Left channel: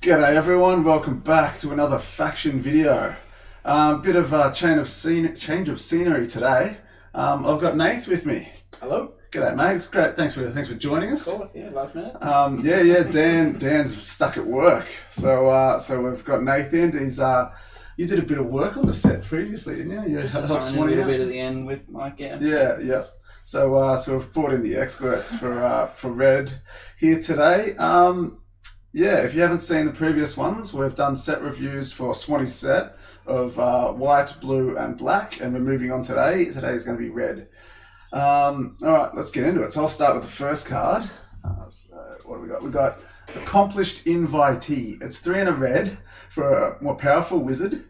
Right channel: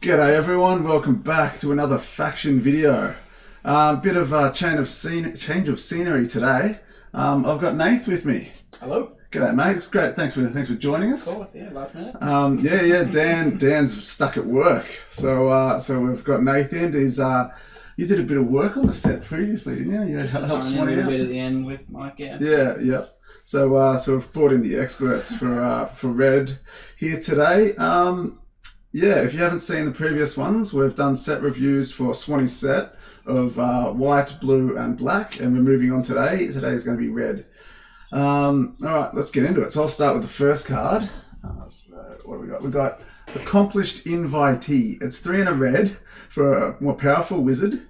G'day everyone, welcome back to another faction video. Bit of a change of scenery today. I've got Nath with me. Hello. G'day mate, great, thanks for joining us. Of course, yeah, last minute. Dan's stuck at work, so we've got Nath in. You did a bit of work on the set previously, didn't you? You helped Swanee a little bit at the end with Mike, yeah. Yeah. So we've brought in the experts for Red here today. If you haven't seen the previous ones, we've done set reviews for Swanee's set of white, blue, and black, and we're moving on today. Today is going to be red. Alright, let's get into it. So I'll start with the first card. What do we got? We've got Accomplished Invitee. It's 3 and a red for a more powerful wizard.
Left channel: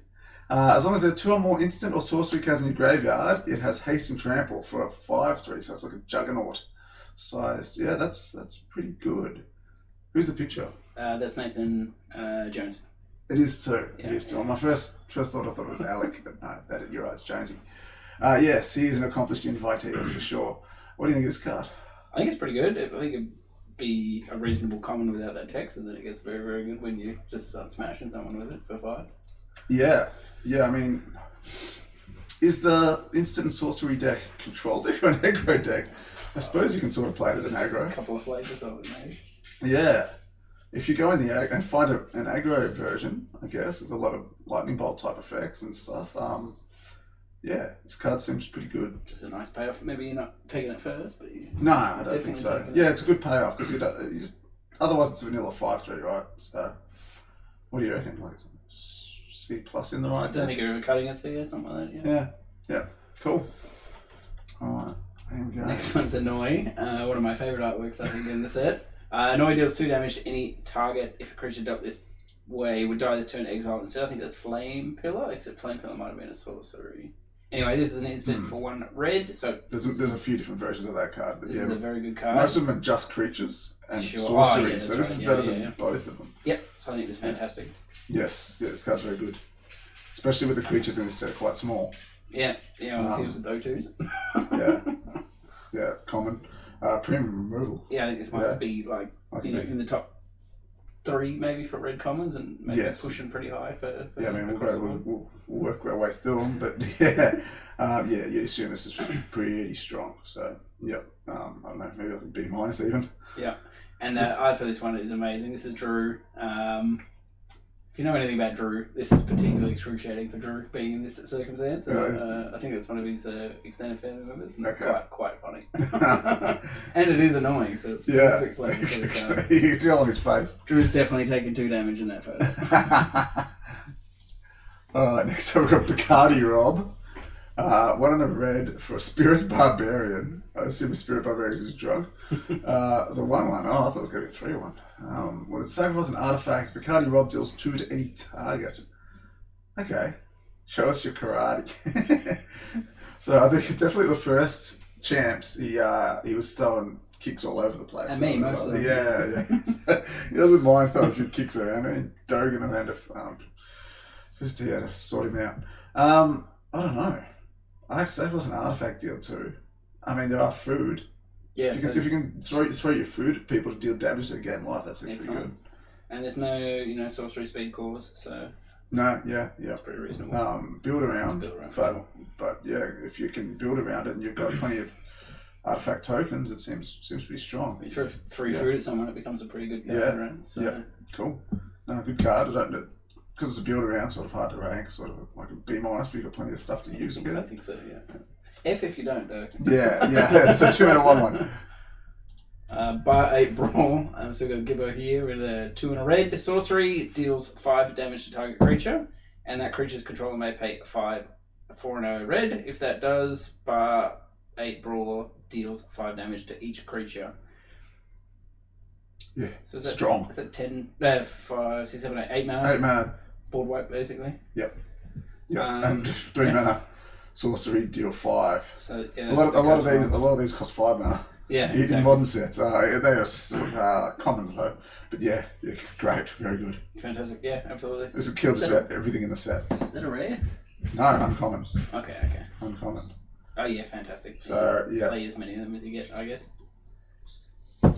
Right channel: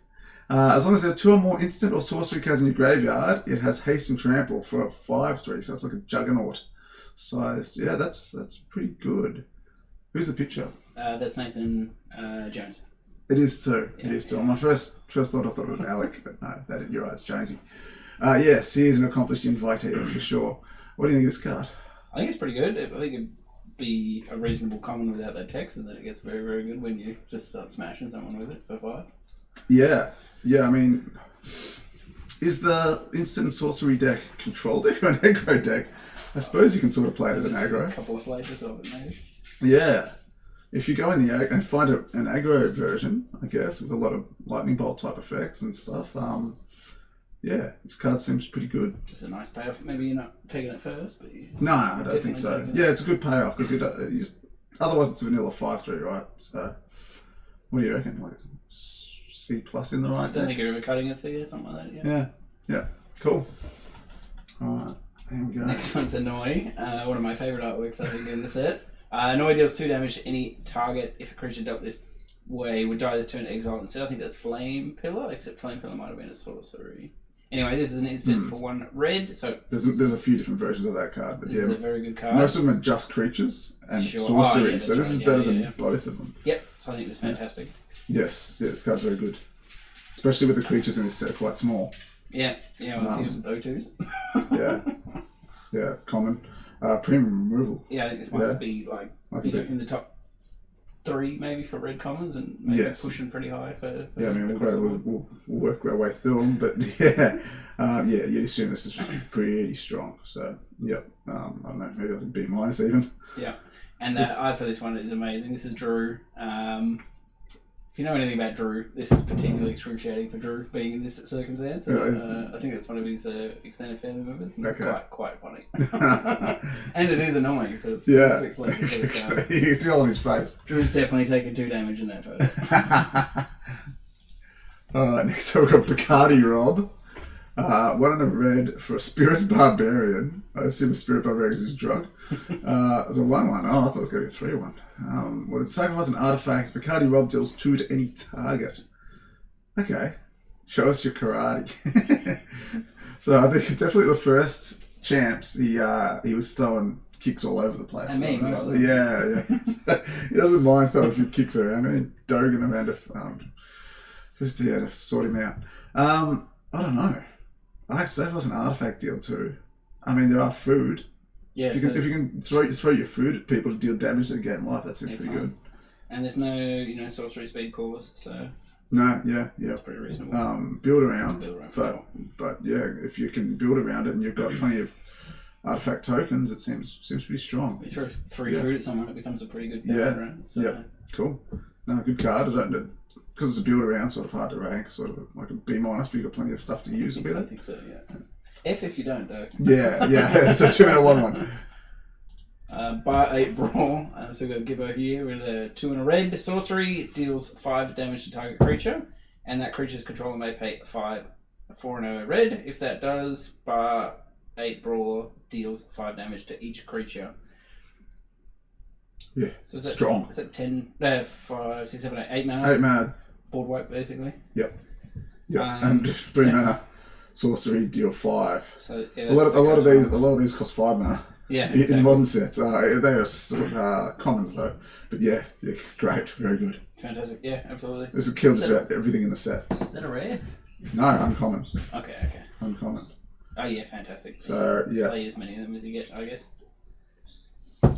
As long as there are 2 or more instant or sorcery cards in your graveyard, it has haste and trample for a 5/3, so it's like a juggernaut sized. Yeah, that's pretty good. Who's the picture? That's Nathan Jones. It is too. Yeah, it is too. On my first thought, I thought it was Alec, but no, you're right, it's Jonesy. Yes, he is an accomplished invitee, that's for sure. What do you think of this card? I think it's pretty good. I think it'd be a reasonable common without that text, and then it gets very, very good when you just start smashing someone with it for 5. Yeah, I mean, is the instant sorcery deck control deck or an aggro deck? I suppose you can sort of play it as an aggro. A couple of flavors of it, maybe. Yeah. If you go in the and find an aggro version, I guess, with a lot of lightning bolt type effects and stuff, this card seems pretty good. Just a nice payoff. Maybe you're not taking it first, but you... No, I don't think so. Yeah, it's a good payoff because otherwise it's a vanilla 5/3, right? So, what do you reckon? Like C+ in the right I don't think you're ever cutting it to you, something like that. Yeah. Cool. All right, there we go. Next one's Annoy. One of my favourite artworks I think in the set. Annoy deals 2 damage to any target. If a creature dealt this way, would die this turn exiled instead. I think that's Flame Pillar, except Flame Pillar might have been a sorcery. Anyway, this is an instant for 1 red. So there's a few different versions of that card, but this is a very good card. Most of them are just creatures and sorcery, so this is better than both of them. Yep, so I think it's fantastic. Yes, this card's very good, especially with the creatures in this set are quite small. Yeah, it deals with O2s. yeah, common. Premium removal. Yeah, I think this might be like in the top 3 maybe for red commons, and maybe pushing pretty high for we'll work our way through them, but you assume this is pretty strong. So I don't know, maybe like a B- even. Yeah, and the art for this one is amazing. This is Drew. If you know anything about Drew, this is particularly excruciating for Drew being in this circumstance. I think that's one of his extended family members, and it's quite funny. And it is annoying, so it's perfect flavor for the card. You can tell on his face. Drew's definitely taken 2 damage in that photo. Alright, next up we've got Bacardi Rob. 1 and a red for a Spirit Barbarian. I assume a Spirit Barbarian is his drug. It's a 1/1. Oh, I thought it was going to be a 3/1. What it's saying was an artifact. Bacardi Rob deals 2 to any target. Okay. Show us your karate. So I think definitely the first champs, he was throwing kicks all over the place. And me, mostly. Yeah. He doesn't mind throwing a few kicks around. I mean, Dogan around to sort him out. I don't know. I'd say it was an artifact deal too. I mean, there are food. Yeah, if you can throw your food at people to deal damage to the game life, that seems pretty good. And there's no sorcery speed cores, so no, that's pretty reasonable. Build around, but if you can build around it and you've got plenty of artifact tokens, it seems pretty strong. You throw 3 food at someone, it becomes a pretty good card. Right? So. Cool. No, good card. I don't know. Because it's a build around, sort of hard to rank, sort of like a B-, but you've got plenty of stuff to use with it. I think so, yeah. F if you don't, though. Yeah. It's a 2 and a 1/1. Bar 8 Brawl. I'm still got Gibbo here with a 2 and a red. Sorcery deals 5 damage to target creature, and that creature's controller may pay 4 and a red. If that does, Bar 8 Brawl deals 5 damage to each creature. Yeah, so is that strong. Is that 10, 5, 6, 7, 8 mana? 8 mana. Board wipe, basically. Yep. And 3 mana sorcery deal 5. So a lot of these cost 5 mana. Yeah, in modern sets. They are commons though. But yeah, great, very good. Fantastic. Yeah, absolutely. This will kill just about everything in the set. Is that a rare? No, uncommon. Okay. Uncommon. Oh yeah, fantastic. So play as many of them as you get, I guess.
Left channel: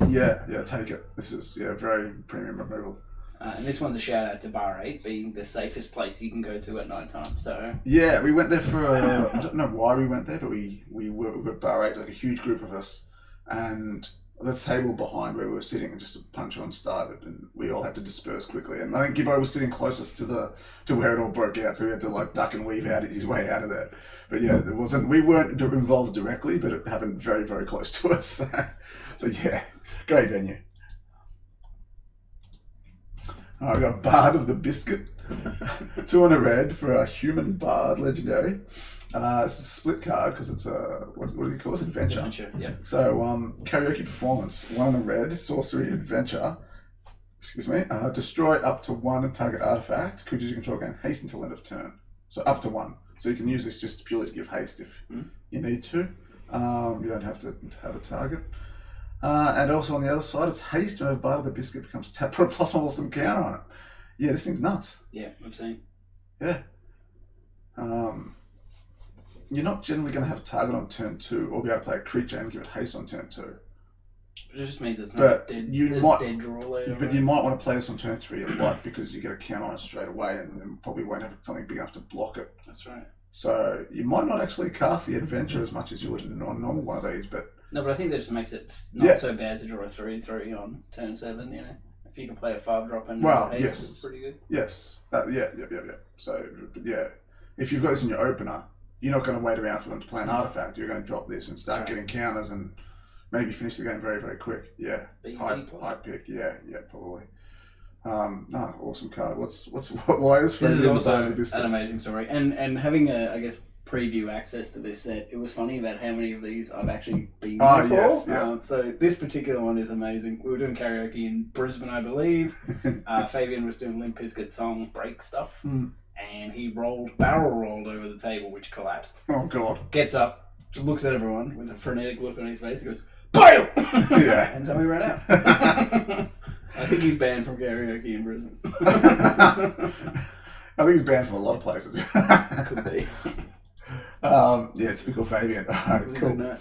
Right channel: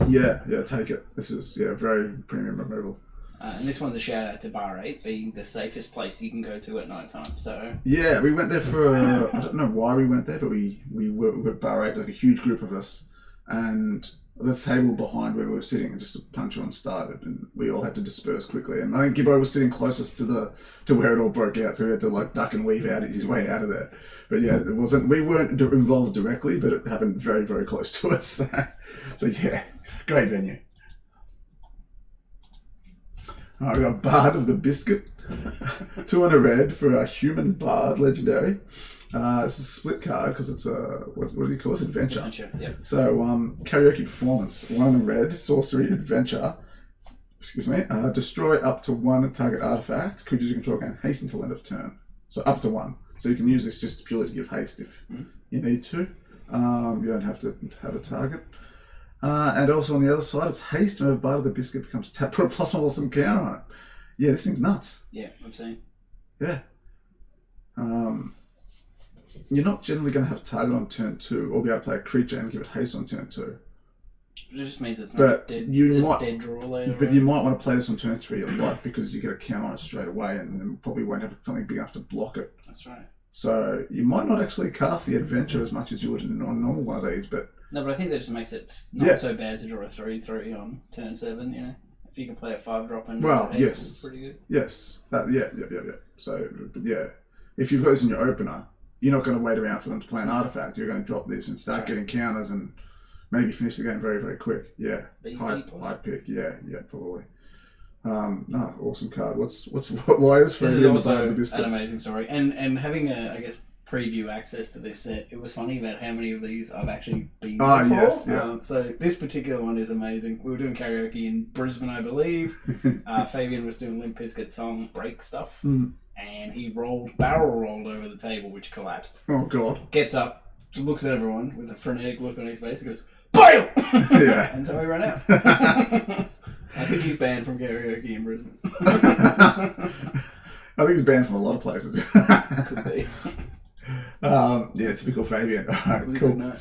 Yeah, take it. This is very premium removal. And this one's a shout out to Bar 8 being the safest place you can go to at night time. So yeah, we went there for I don't know why we went there, but we were at Bar 8, like a huge group of us, and the table behind where we were sitting, and just a punch on started, and we all had to disperse quickly. And I think Gibbo was sitting closest to where it all broke out, so we had to like duck and weave out his way out of there. But yeah, we weren't involved directly, but it happened very, very close to us. So yeah, great venue. All right, we got Bard of the Biscuit. 2 and a red for a human bard legendary. It's a split card because it's a what do you call this? Adventure. Yeah. So karaoke performance. 1 and a red. Sorcery adventure. Excuse me. Destroy up to 1 target artifact. Creatures you control gain haste until end of turn. So up to 1. So you can use this just purely to give haste if you need to. You don't have to have a target. And also on the other side, it's haste whenever Bard of the Biscuit becomes tapped. Put a +1 awesome counter on it. Yeah, this thing's nuts. Yeah, I'm saying. Yeah. You're not generally going to have target on turn 2 or be able to play a creature and give it haste on turn 2. It just means it's not dead. Dead draw later. But you might want to play this on turn 3 a lot because you get a count on it straight away and probably won't have something big enough to block it. That's right. So you might not actually cast the adventure as much as you would on a normal one of these, but... No, but I think that just makes it not so bad to draw a 3/3 on turn 7, you know? If you can play a 5-drop and haste, it's pretty good. Yes. Yeah. So, but yeah, if you've got this in your opener, you're not going to wait around for them to play an artifact. You're going to drop this and start getting counters and maybe finish the game very, very quick. Yeah. High pick. Yeah, probably. No, awesome card. Why is this is also an amazing story. And having I guess preview access to this set, it was funny about how many of these I've actually been before. Yes, yeah. So this particular one is amazing. We were doing karaoke in Brisbane, I believe. Fabian was doing Limp Bizkit song break stuff, and he barrel rolled over the table, which collapsed. Oh God! Gets up, just looks at everyone with a frenetic look on his face. He goes, "Bail!" Yeah, and so we ran out. I think he's banned from karaoke in Brisbane. I think he's banned from a lot of places. Could be. Yeah, typical Fabian. Cool.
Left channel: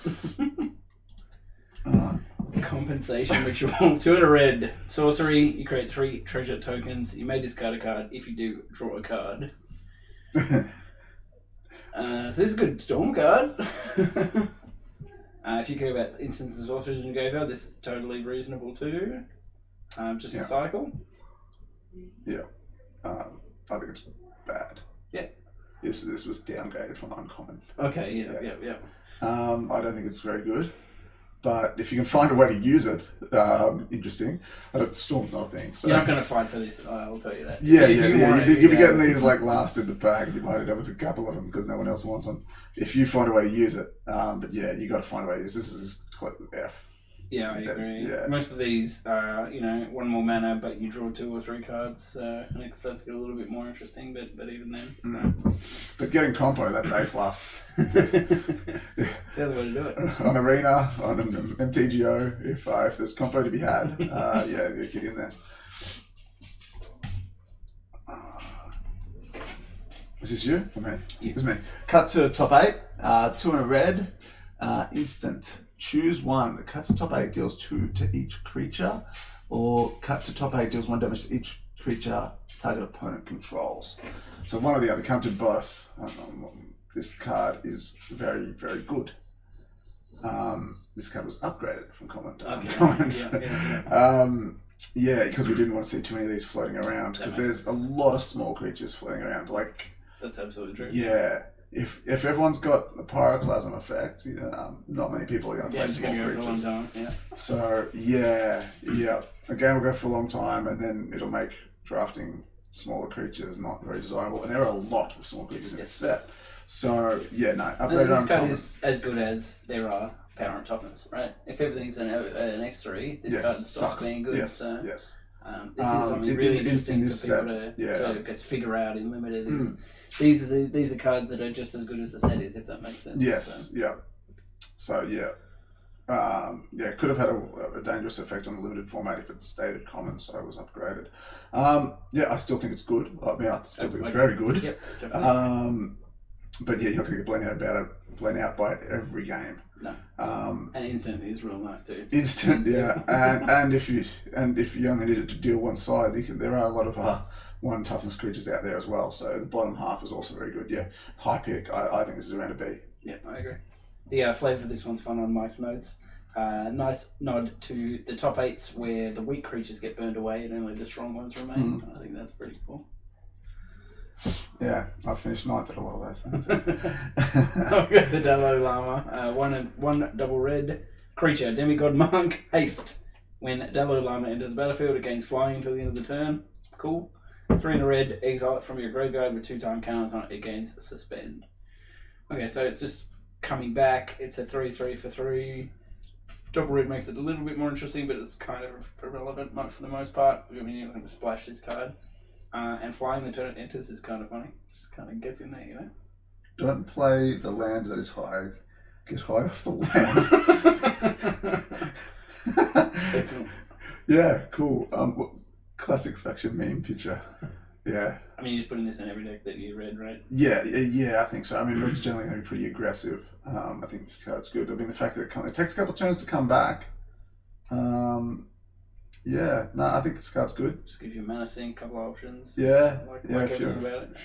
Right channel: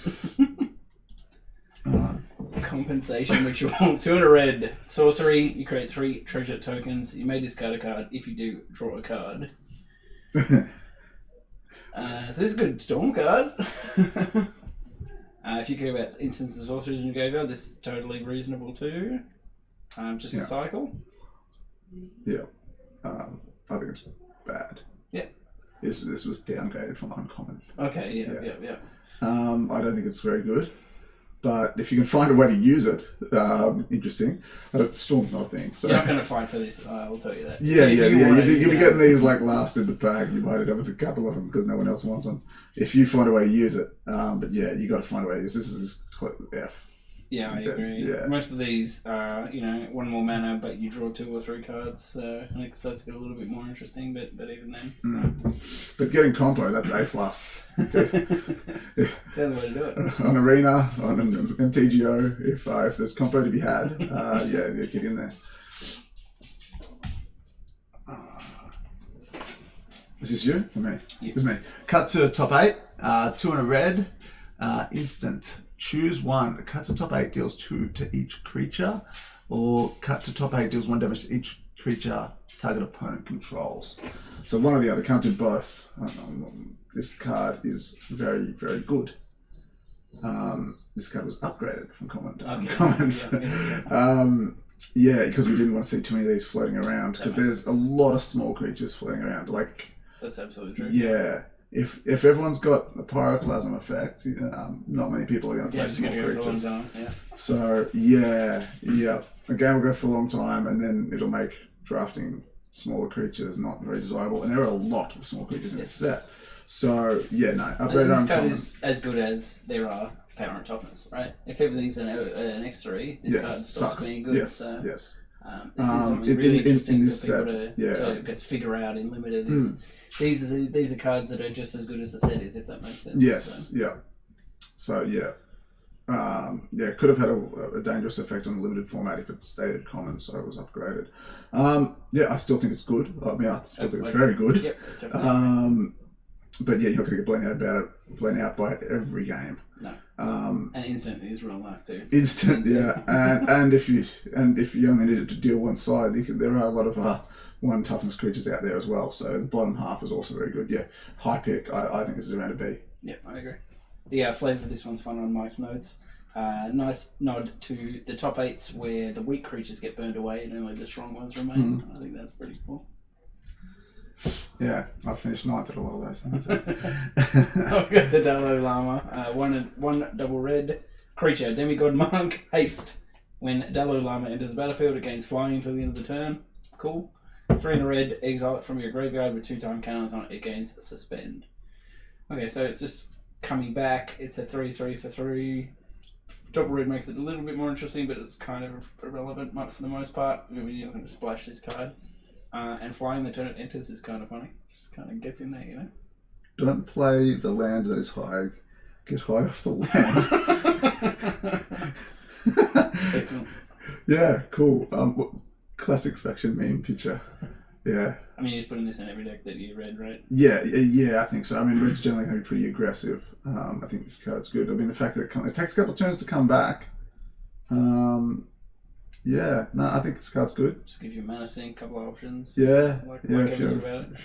Compensation ritual. 2 and a red. Sorcery. You create 3 treasure tokens. You may discard a card. If you do, draw a card. So this is a good storm card. If you care about instants and sorceries in your graveyard, this is totally reasonable too. Just a cycle. Yeah. I think it's bad. Yeah. This was downgraded from uncommon. Okay, yeah. I don't think it's very good. But if you can find a way to use it, interesting. Storm's not a thing. So. You're not going to fight for this, I'll tell you that. Yeah. You'll be getting these like last in the pack, and you might end up with a couple of them because no one else wants them. If you find a way to use it. But yeah, you got to find a way to use this. This is F. Yeah, I agree. Yeah. Most of these are, 1 more mana, but you draw 2 or 3 cards, and it starts to get a little bit more interesting, but even then. But getting compo, that's A+. It's the only way to do it. On Arena, on an MTGO, if there's compo to be had, get in there. Is this you or me? You. It's me. Cut to top 8, 2 and a red, instant. Choose 1. Cut to top 8 deals 2 to each creature, or cut to top 8 deals 1 damage to each creature target opponent controls. So one or the other. Can't do both. This card is very, very good. This card was upgraded from common to uncommon. Yeah, because we didn't want to see too many of these floating around, because there's a lot of small creatures floating around. That's absolutely true. Yeah. If everyone's got a pyroclasm effect, not many people are going to play small creatures. So yeah. A game will go for a long time, and then it'll make drafting smaller creatures not very desirable. And there are a lot of small creatures in this set. So yeah, no. Upgraded this card is as good as there are power and toughness, right? If everything's an X3, this card stops being good. Yes. This is something really interesting for people to just figure out in limited. These are cards that are just as good as the set is, if that makes sense. Yes, yeah. So could have had a dangerous effect on the limited format if it stayed at common, so it was upgraded. I still think it's good. I mean, I still think it's very good. Yep, definitely. But yeah, you're not going to get blown out by it every game. No. And instant is real nice too. Instant, yeah. and if you only need it to deal one side, there are a lot of 1 toughness creatures out there as well. So the bottom half is also very good. Yeah, high pick. I think this is around a B. Yeah, I agree. The flavour for this one's fun on Mike's notes. Nice nod to the top 8s where the weak creatures get burned away and only the strong ones remain. I think that's pretty cool. Yeah, I finished 9th at a lot of those things. I've got the Dallow Lama. One double red creature, Demigod Monk, haste. When Dallow Lama enters the battlefield, it gains flying until the end of the turn. Cool. 3 in a red, exile it from your graveyard with 2 time counters on it, it gains suspend. Okay, so it's just coming back. It's a 3/3 for 3. Double red makes it a little bit more interesting, but it's kind of irrelevant for the most part. I mean, you're not going to splash this card. And flying the turn it enters is kind of funny. Just kind of gets in there, you know? Don't play the land that is high. Get high off the land. Excellent. Yeah, cool. Classic faction meme picture. Yeah. I mean, you're just putting this in every deck that you read, right? Yeah, I think so. I mean, red's generally going to be pretty aggressive. I think this card's good. I mean, the fact that it takes a couple of turns to come back. Yeah, no, I think this card's good. Just give you mana sink, couple of options. Yeah, yeah. If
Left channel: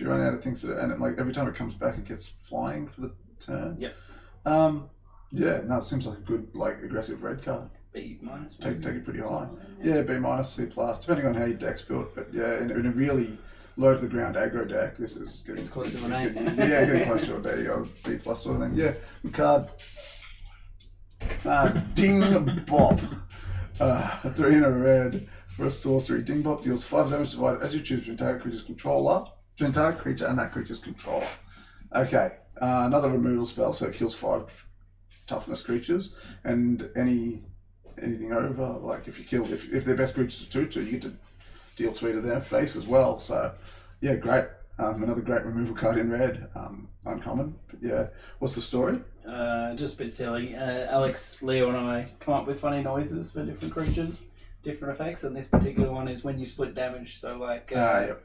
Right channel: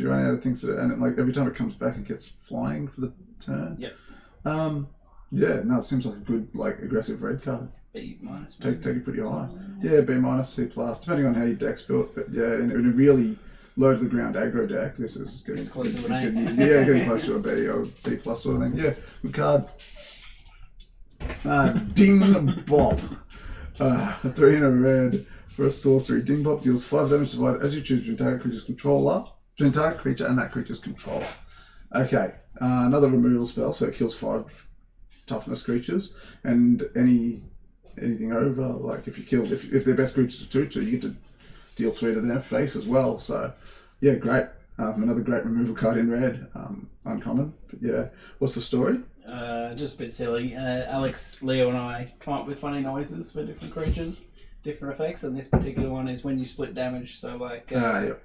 you run out of things to do, and every time it comes back, it gets flying for the turn. Yep. Yeah, no, it seems like a good, aggressive red card. B minus. Take it pretty high. Yeah, B minus, C plus, depending on how your deck's built. But yeah, in a really low to the ground aggro deck, this is getting close to an A. Getting close to a B or B plus sort of thing. Yeah, good card. Ding Bop. 3 in a red for a sorcery. Ding Bop deals 5 damage divided as you choose between target creature's controller, between target creature and that creature's controller. Okay, another removal spell, so it kills 5 toughness creatures, and anything over, if their best creatures are 2/2, you get to deal 3 to their face as well. So yeah, great. Another great removal card in red. Uncommon, but yeah. What's the story? Just a bit silly. Alex, Leo, and I come up with funny noises for different creatures, different effects, and this particular one is when you split damage. So Yep.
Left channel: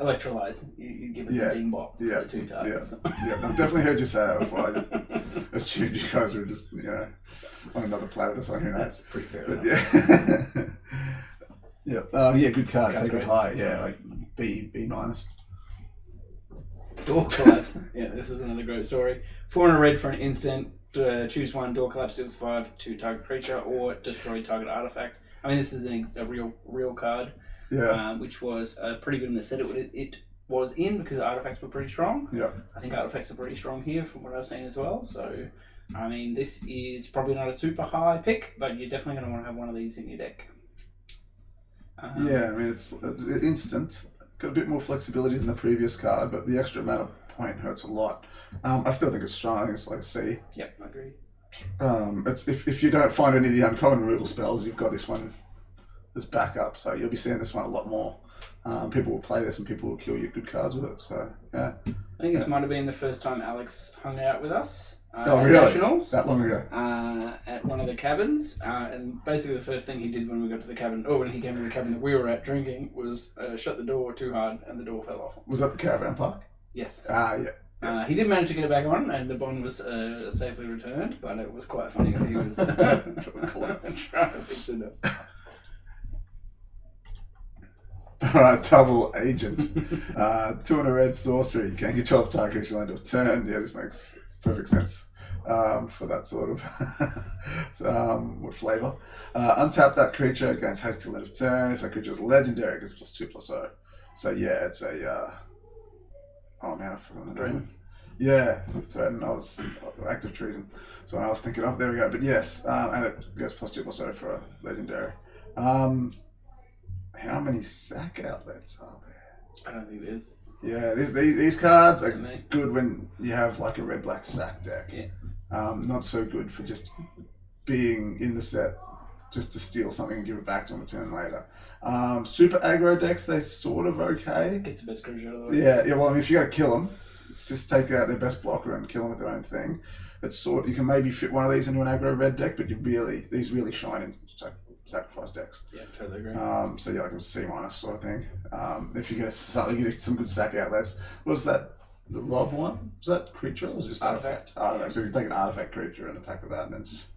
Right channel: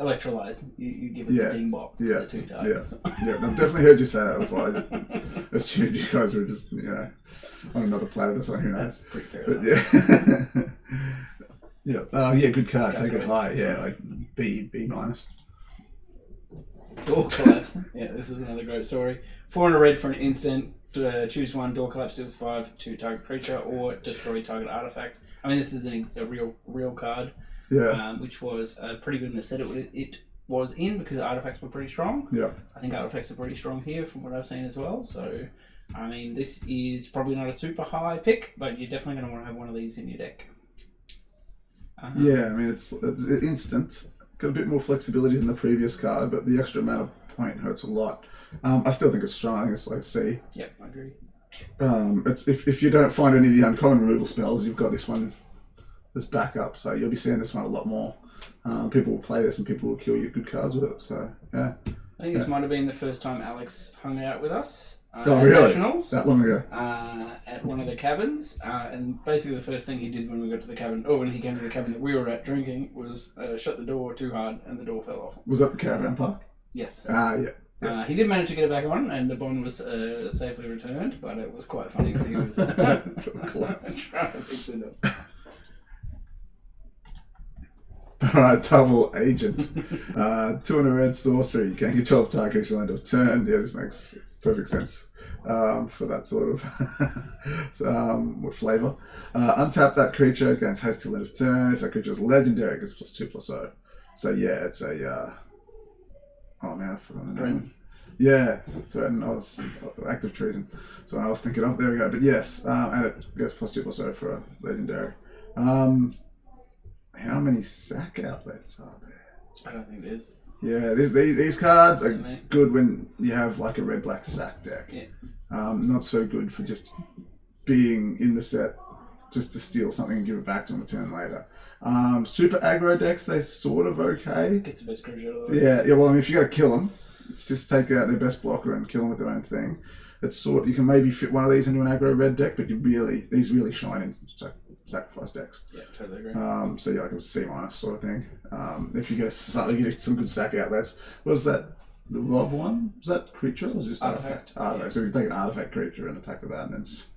Electrolyze. You give it the Ding Bop for the 2 targets. Yeah, I've definitely heard you say that before. I assumed you guys were just on another planet or something. Who knows? That's pretty fair But enough. yeah. Good card. Card's Take it great. high. Yeah, B minus. Door Collapse. Yeah, this is another great story. 4 in a red for an instant. Choose 1. Door Collapse deals 5 to target creature or destroy target artifact. I mean, this is a real card. Yeah. Which was pretty good in the set it was in because artifacts were pretty strong. Yeah. I think artifacts are pretty strong here from what I've seen as well. So, I mean, this is probably not a super high pick, but you're definitely going to want to have one of these in your deck. Yeah, I mean, it's instant. Got a bit more flexibility than the previous card, but the extra amount of point hurts a lot. I still think it's strong. I think it's like a C. Yep, I agree. It's if you don't find any of the uncommon removal spells, you've got this one as backup. So you'll be seeing this one a lot more. People will play this and people will kill you good cards with it. So yeah. I think this might have been the first time Alex hung out with us. Oh really? Nationals, that long ago? At one of the cabins, and basically the first thing he did when we got to the cabin, or when he came to the cabin that we were at drinking, was shut the door too hard and the door fell off. Was that the caravan park? Yes. Yeah. He did manage to get it back on, and the bond was safely returned, but it was quite funny when he was trying to fix it up. Alright, double agent. 2 in a red sorcery. You can control target creature land of turn. Yeah, this makes perfect sense for that sort of flavour. Untap that creature, it gains haste till end of turn. If that creature is legendary, it gets +2/+0. So yeah, it's a oh man, I forgot the name. Yeah, threaten. I was active treason. So I was thinking of there we go. But yes, and it gets +2/+0 for a legendary. How many sack outlets are there? I don't think there's. Yeah, these cards are good when you have like a red-black sack deck. Yeah. Not so good for just being in the set just to steal something and give it back to them a turn later. Super aggro decks, they're sort of okay. Gets the best creature out of the way. Yeah. Well, I mean, if you got to kill them, it's just take out their best blocker and kill them with their own thing. It's you can maybe fit one of these into an aggro red deck, but these really shine in sacrifice decks. Yeah, totally agree. So yeah, like a C- sort of thing. If you get some good sack outlets, what is that? the Rob one? Was that creature or was it just artifact? Artifact. So you take an artifact creature and attack with that, and then just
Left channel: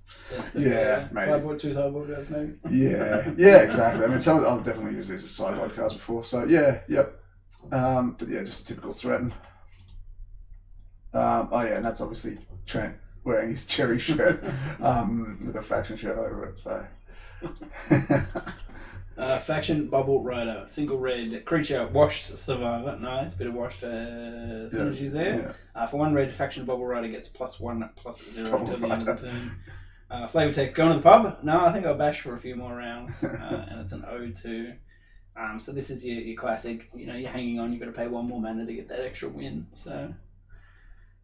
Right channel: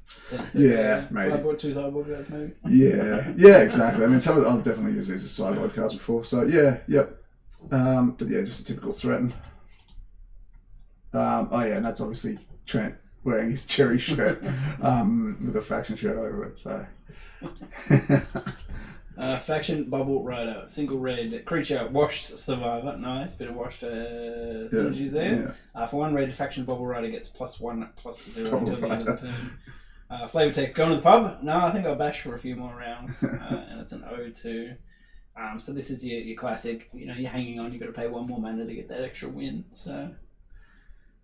maybe. maybe. 2 sideboard cards, maybe. Yeah, exactly. I mean, I've definitely used these as sideboard cards before. So yep. But yeah, just a typical threaten. And that's obviously Trent wearing his cherry shirt with a faction shirt over it. So. Faction Bubble Rider, single red creature, washed survivor. Nice, bit of washed synergies there. Yeah. For 1 red, Faction Bubble Rider gets +1/+0 until the end of the turn. Flavor text, going to the pub? No, I think I'll bash for a few more rounds. And it's an O2. So this is your classic, you're hanging on, you've got to pay 1 more mana to get that extra win. So.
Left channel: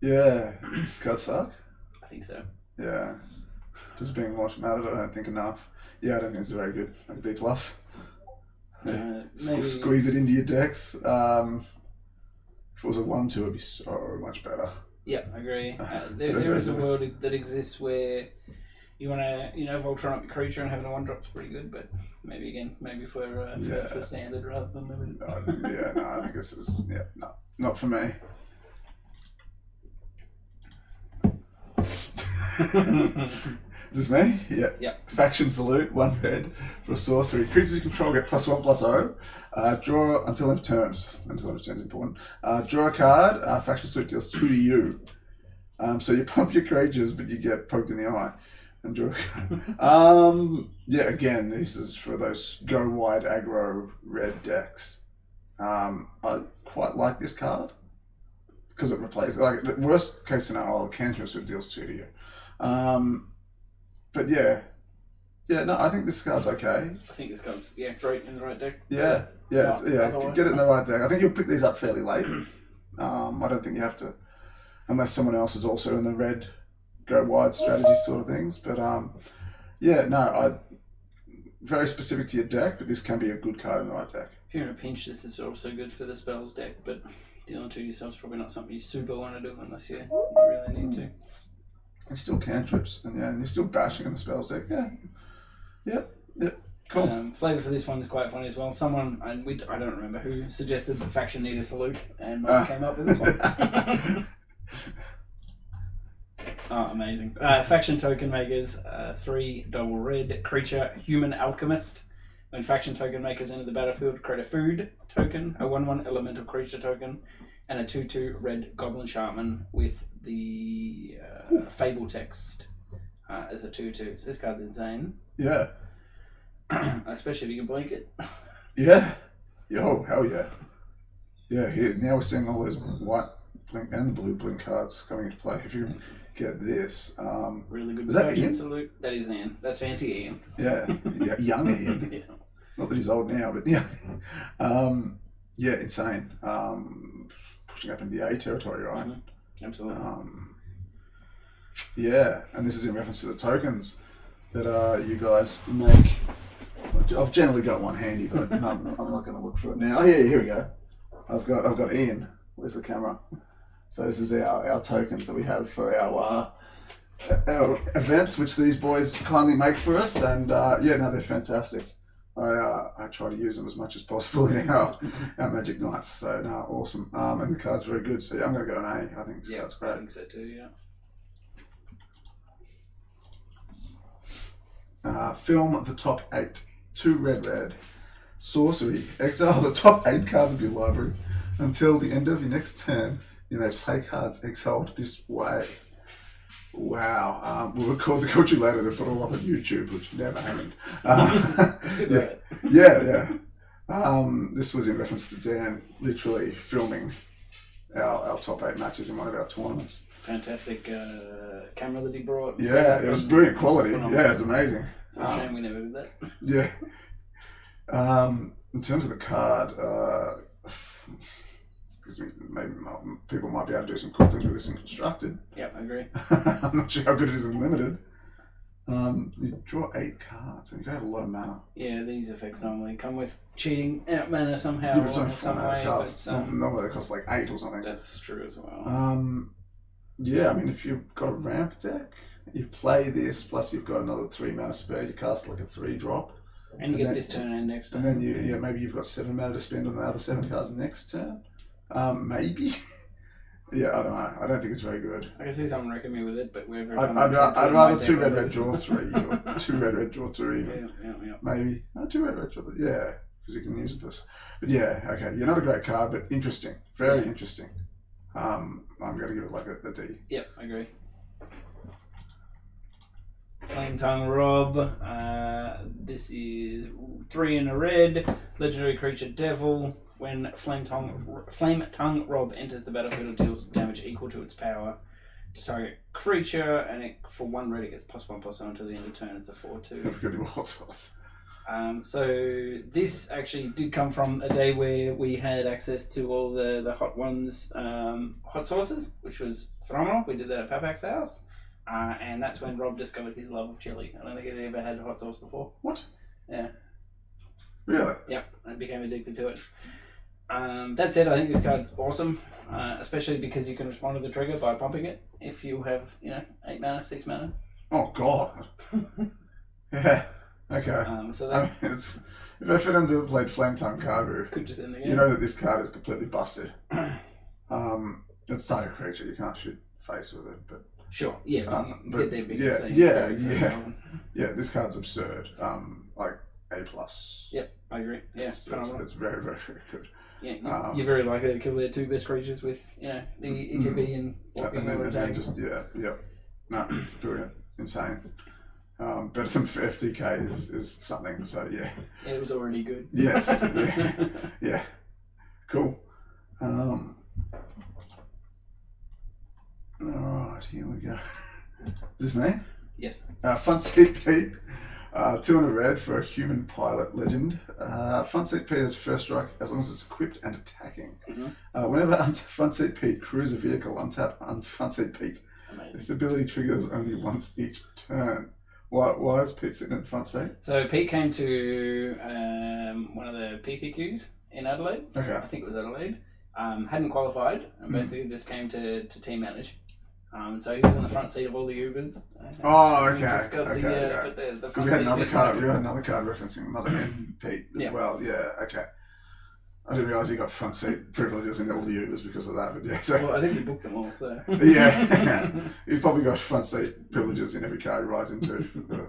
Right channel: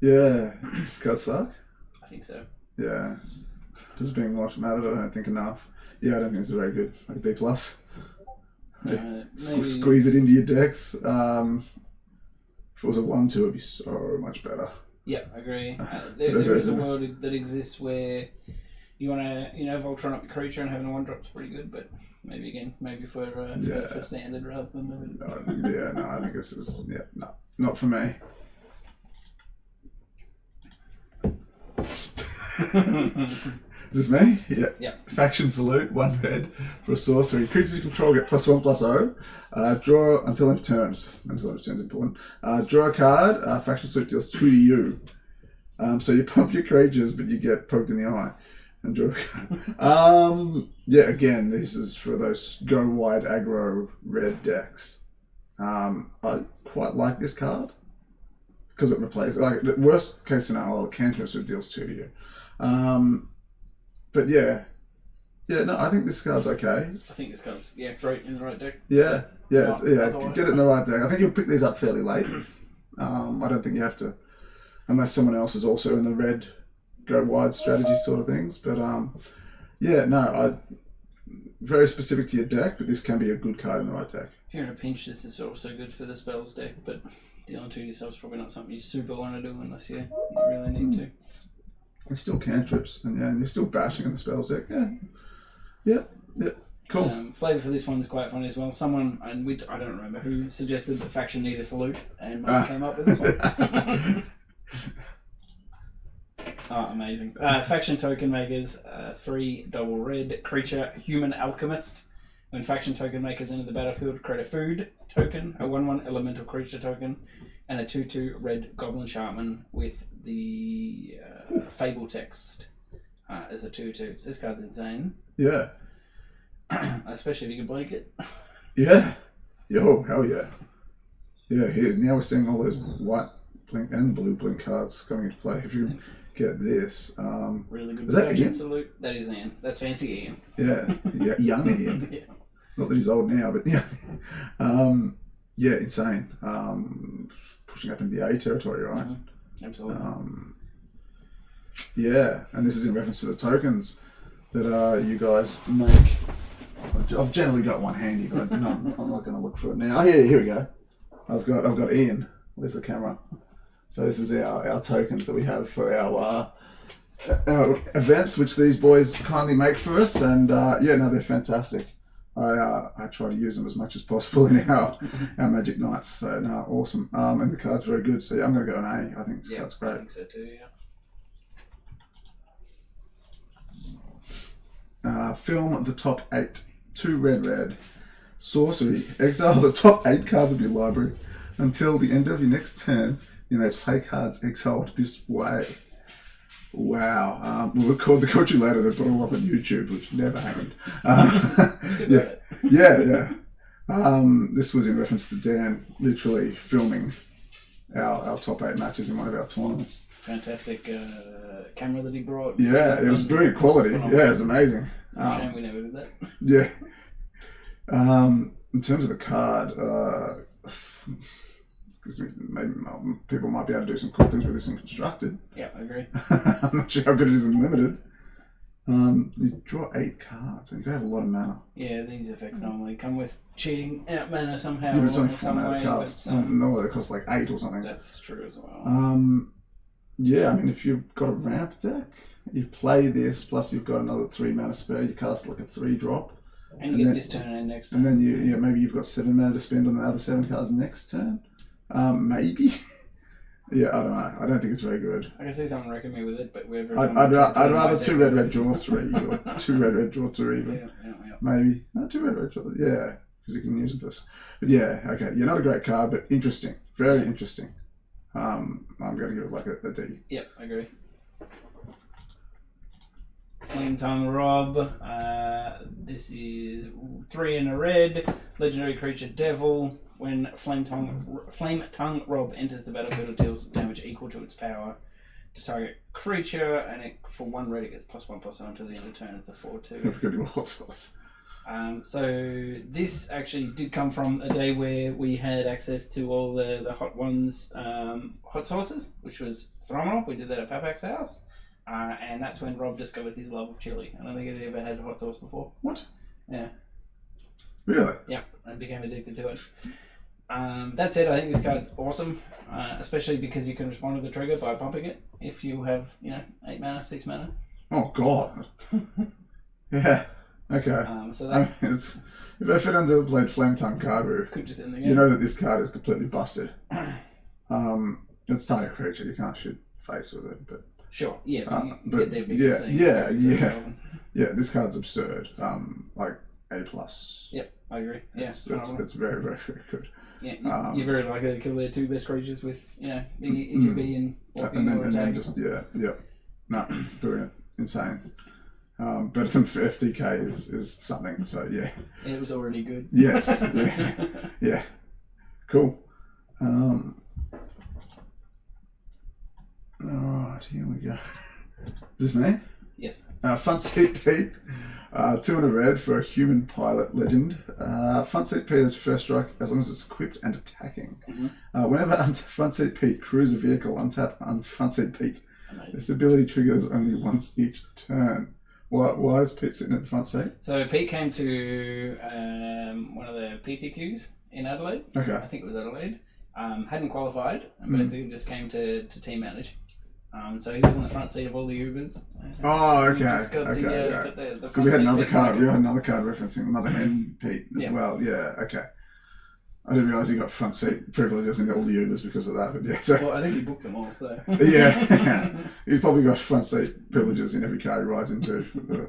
Yeah, does Scot suck? I think so. Yeah. Just being watched mattered, I don't think enough. Yeah, I don't think it's very good. Like a D+. Squeeze it into your decks. If it was a 1-2, it'd be so much better. Yeah, I agree. There is a world that exists where you want to, Voltron up your creature and having a 1-drop is pretty good, but maybe for standard rather than limited. I think this is, not for me. Is this me? Yeah. Yep. Faction Salute, 1 red for a sorcery. Creatures you control get +1/+0. Draw until end of turns. Until end of turns is important. Draw a card. Faction Salute deals 2 to you. So you pump your creatures, but you get poked in the eye. And draw a card. Again, this is for those go wide aggro red decks. I quite like this card. Because it replaces, like, the worst case scenario, cantrips it deals 2 to you. But I think this card's okay. I think this card's great in the right deck. Get it in the right deck. I think you'll pick these up fairly late. I don't think you have to, unless someone else is also in the red go wide strategy sort of things. But very specific to your deck, but this can be a good card in the right deck. If you're in a pinch, this is also good for the spells deck, but dealing 2 yourself is probably not something you super want to do unless you really need to. It's still cantrips, and you're still bashing in the spells deck. Cool. Flavor for this one is quite funny as well. Someone, I don't remember who, suggested that faction need a salute, and came up with this one. Amazing. Faction token makers, 3 double red creature, human alchemist. When faction token makers enter the battlefield, create a food token, a 1/1 elemental creature token, and a 2/2 red goblin sharpman with the fable text as a 2/2. So this card's insane. Yeah. Especially if you can blank it. Yeah. Yo, hell yeah. Yeah, here now we're seeing all those white blink and blue blink cards coming into play. If you get this. Really good. Is that Ian? Salute. That is Ian. That's fancy Ian. Yeah, young Ian. Yeah. Not that he's old now, but insane. Pushing up into the A territory, right? Mm-hmm. Absolutely. And this is in reference to the tokens that you guys make. I've generally got one handy, but I'm not going to look for it now. Oh, yeah, here we go. I've got Ian. Where's the camera? So this is our tokens that we have for our events, which these boys kindly make for us, and they're fantastic. I try to use them as much as possible in our Magic Nights. So awesome. And the card's very good. So I'm going to go an A. I think this card's great. I think so too. Yeah. Film the top 8. 2 red. Sorcery. Exile the top 8 cards of your library until the end of your next turn. You may play cards exiled this way. Wow. We'll record the country later. They put it all up on YouTube, which never happened. This was in reference to Dan literally filming our top 8 matches in one of our tournaments. Fantastic camera that he brought. Yeah, it was brilliant quality. Yeah, it was amazing. It's a shame we never did that. Yeah. In terms of the card, maybe people might be able to do some cool things with this in Constructed. Yeah, I agree. I'm not sure how good it is in Limited. You draw 8 cards and you have a lot of mana. Yeah, these effects normally come with cheating out mana somehow. Yeah, it's only or 4 some mana way. costs. Normally they cost like 8 or something. That's true as well. If you've got a ramp deck, you play this, plus you've got another 3 mana spare, you cast like a 3-drop. And you get this turn and next turn. And then maybe you've got 7 mana to spend on the other 7 cards next turn. Maybe. Yeah, I don't know. I don't think it's very good. I can see someone wrecking me with it, but we're very. I'd rather 2 red draw 3 or 2 red draw 2 even. Yeah. Maybe. No, 2 red draw. Yeah, because you can use them first. But yeah, okay. You're not a great card, but interesting. Very interesting. I'm going to give it like a D. Yep, I agree. Flame Tongue Rob. This is 3 in a red. Legendary creature Devil. When Flame Tongue Rob enters the battlefield, it deals damage equal to its power to target creature, and for 1 red it gets +1/+0 until the end of turn. It's a 4/2. So this actually did come from a day where we had access to all the hot ones, hot sauces, which was phenomenal. We did that at Papak's house, and that's when Rob discovered his love of chili. I don't think he'd ever had hot sauce before. What? Yeah. Really? Yep, and became addicted to it. That said, I think this card's awesome, especially because you can respond to the trigger by pumping it if you have, 8 mana, 6 mana. Oh, God. Yeah. Okay. So that if anyone's ever played Flame Tongue Carbu, could just end the game. You know that this card is completely busted. It's target creature. You can't shoot face with it, but sure, yeah. But get their biggest thing. Yeah. This card's absurd. Like A+. Yep, I agree. Yeah, it's very, very, very good. Yeah, you're very likely to kill their 2 best creatures with, the ETB and walking and then just no, brilliant, insane. Better than FTK is something. So yeah, it was already good. Yes, yeah, cool. All right, here we go. Is this me? Yes. Front seat Pete. 2 in a red for a human pilot legend. Front seat Pete is first strike as long as it's equipped and attacking. Mm-hmm. Whenever front seat Pete crews a vehicle, untap on front seat Pete. Amazing. This ability triggers only once each turn. Why is Pete sitting at the front seat? So Pete came to one of the PTQs in Adelaide. Okay. I think it was Adelaide. Hadn't qualified and basically just came to team manage. So he was on the front seat of all the Ubers. Oh, okay. Yeah. Because we had another card. We had another card referencing Mother Hen Pete as well. Yeah. Okay. I didn't realise he got front seat privileges in all the Ubers because of that. But yeah. So. Well, I think he booked them all. So. Yeah. He's probably got front seat privileges in every car he rides into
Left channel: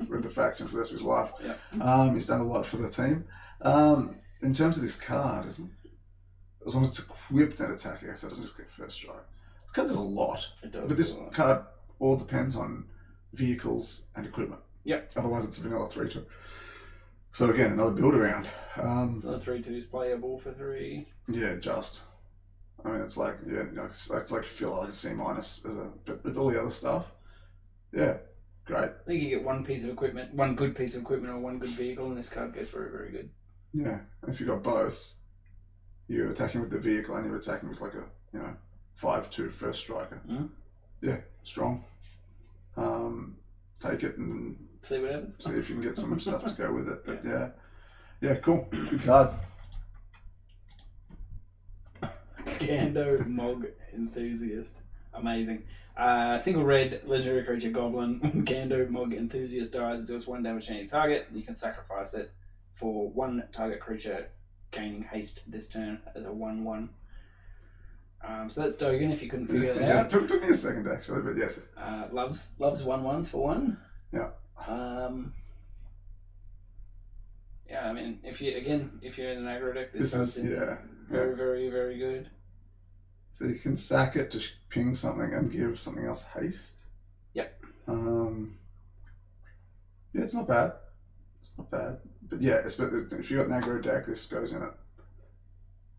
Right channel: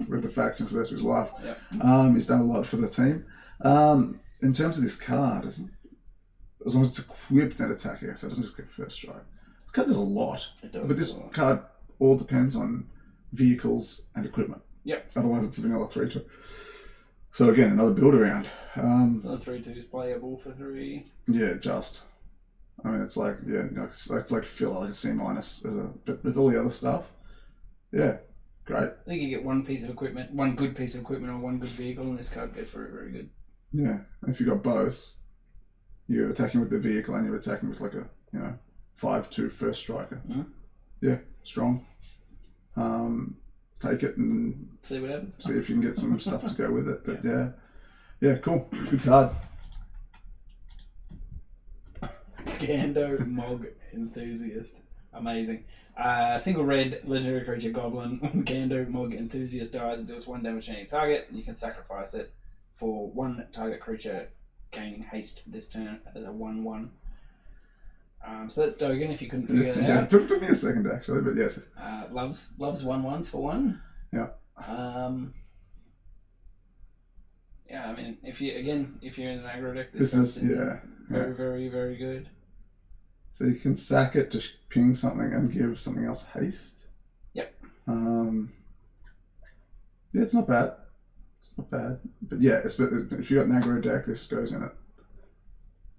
with the faction for the rest of his life. Yep. He's done a lot for the team. In terms of this card, as long as it's equipped and attacking, so it doesn't just get first strike. This card does a lot. It does. But this card all depends on vehicles and equipment. Yep. Otherwise, it's a vanilla 3/2. So again, another build around. The 3/2 is playable for 3. Yeah, just. I mean, it's like it's like filler, like a C-, but with all the other stuff, yeah, great. I think you get one piece of equipment, one good piece of equipment, or one good vehicle, and this card goes very, very good. Yeah, and if you got both, you're attacking with the vehicle and you're attacking with like a 5/2 first striker. Mm-hmm. Yeah, strong. Take it and see what happens. See if you can get some stuff to go with it. But yeah, cool, good card. Gando Mog Enthusiast, amazing. Single red legendary creature Goblin. When Gando Mog Enthusiast dies, it deals 1 damage to any target. You can sacrifice it for 1 target creature gaining haste this turn as a 1/1. So that's Dogan, if you couldn't figure it out. It took me a second actually, but yes. Loves 1/1s for 1. Yeah. Yeah, I mean, if you're in an aggro deck, this is very, very, very good. So you can sack it to ping something and give something else haste. Yep. Yeah, it's not bad. But yeah, if you got an aggro deck, this goes in it.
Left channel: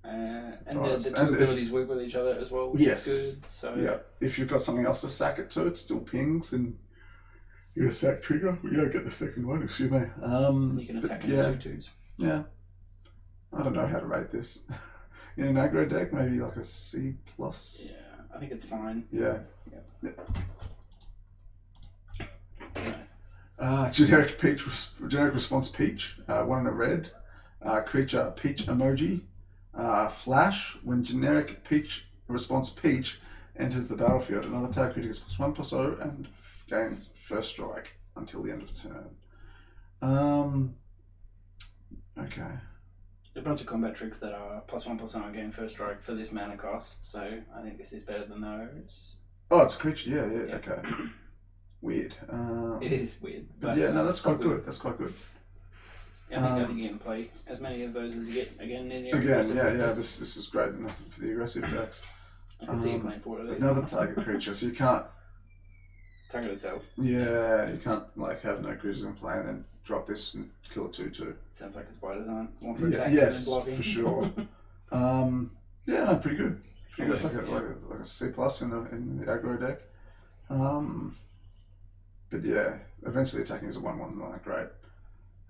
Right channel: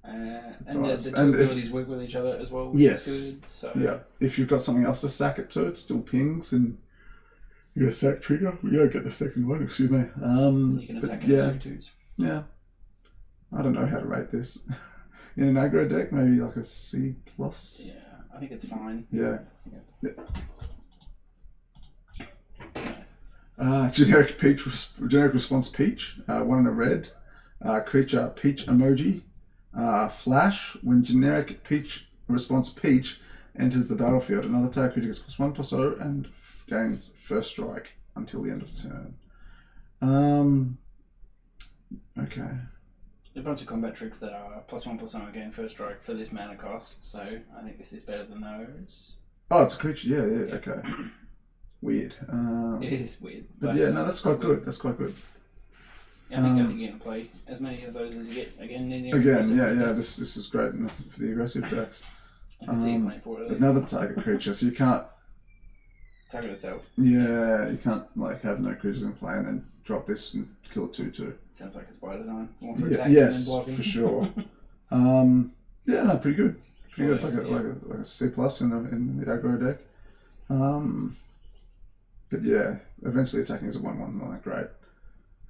And the two abilities work with each other as well, which is good. So. Yeah, if you've got something else to sack it to, it still pings and you get a sack trigger. We don't get the second one, excuse me. You can attack it with 2/2s. Yeah. I don't know how to rate this. In an aggro deck, maybe like a C+. Yeah, I think it's fine. Yeah. Nice. Generic response Peach. 1 in a red. Creature Peach emoji. Flash. When generic Peach response Peach enters the battlefield, another target creature gets +1/+0 and gains first strike until the end of turn. Okay. a bunch of combat tricks that are +1/+1 again first strike for this mana cost. So I think this is better than those. Oh, it's a creature. Yeah. Okay. Weird. It is weird. But yeah, no, that's quite good. That's quite good. Yeah, I think you're going to play as many of those as you get again. This is great enough for the aggressive decks. I can see you playing 4 of these. Another target creature, so you can't target itself. Yeah, you can't like have no creatures in play and then drop this and kill a 2/2. Sounds like it's by design. One for attack yes, and blocking. for sure. Yeah, no, pretty good. Pretty good. Like a C+ in the aggro deck. But yeah, eventually attacking is a 1/1, not that great.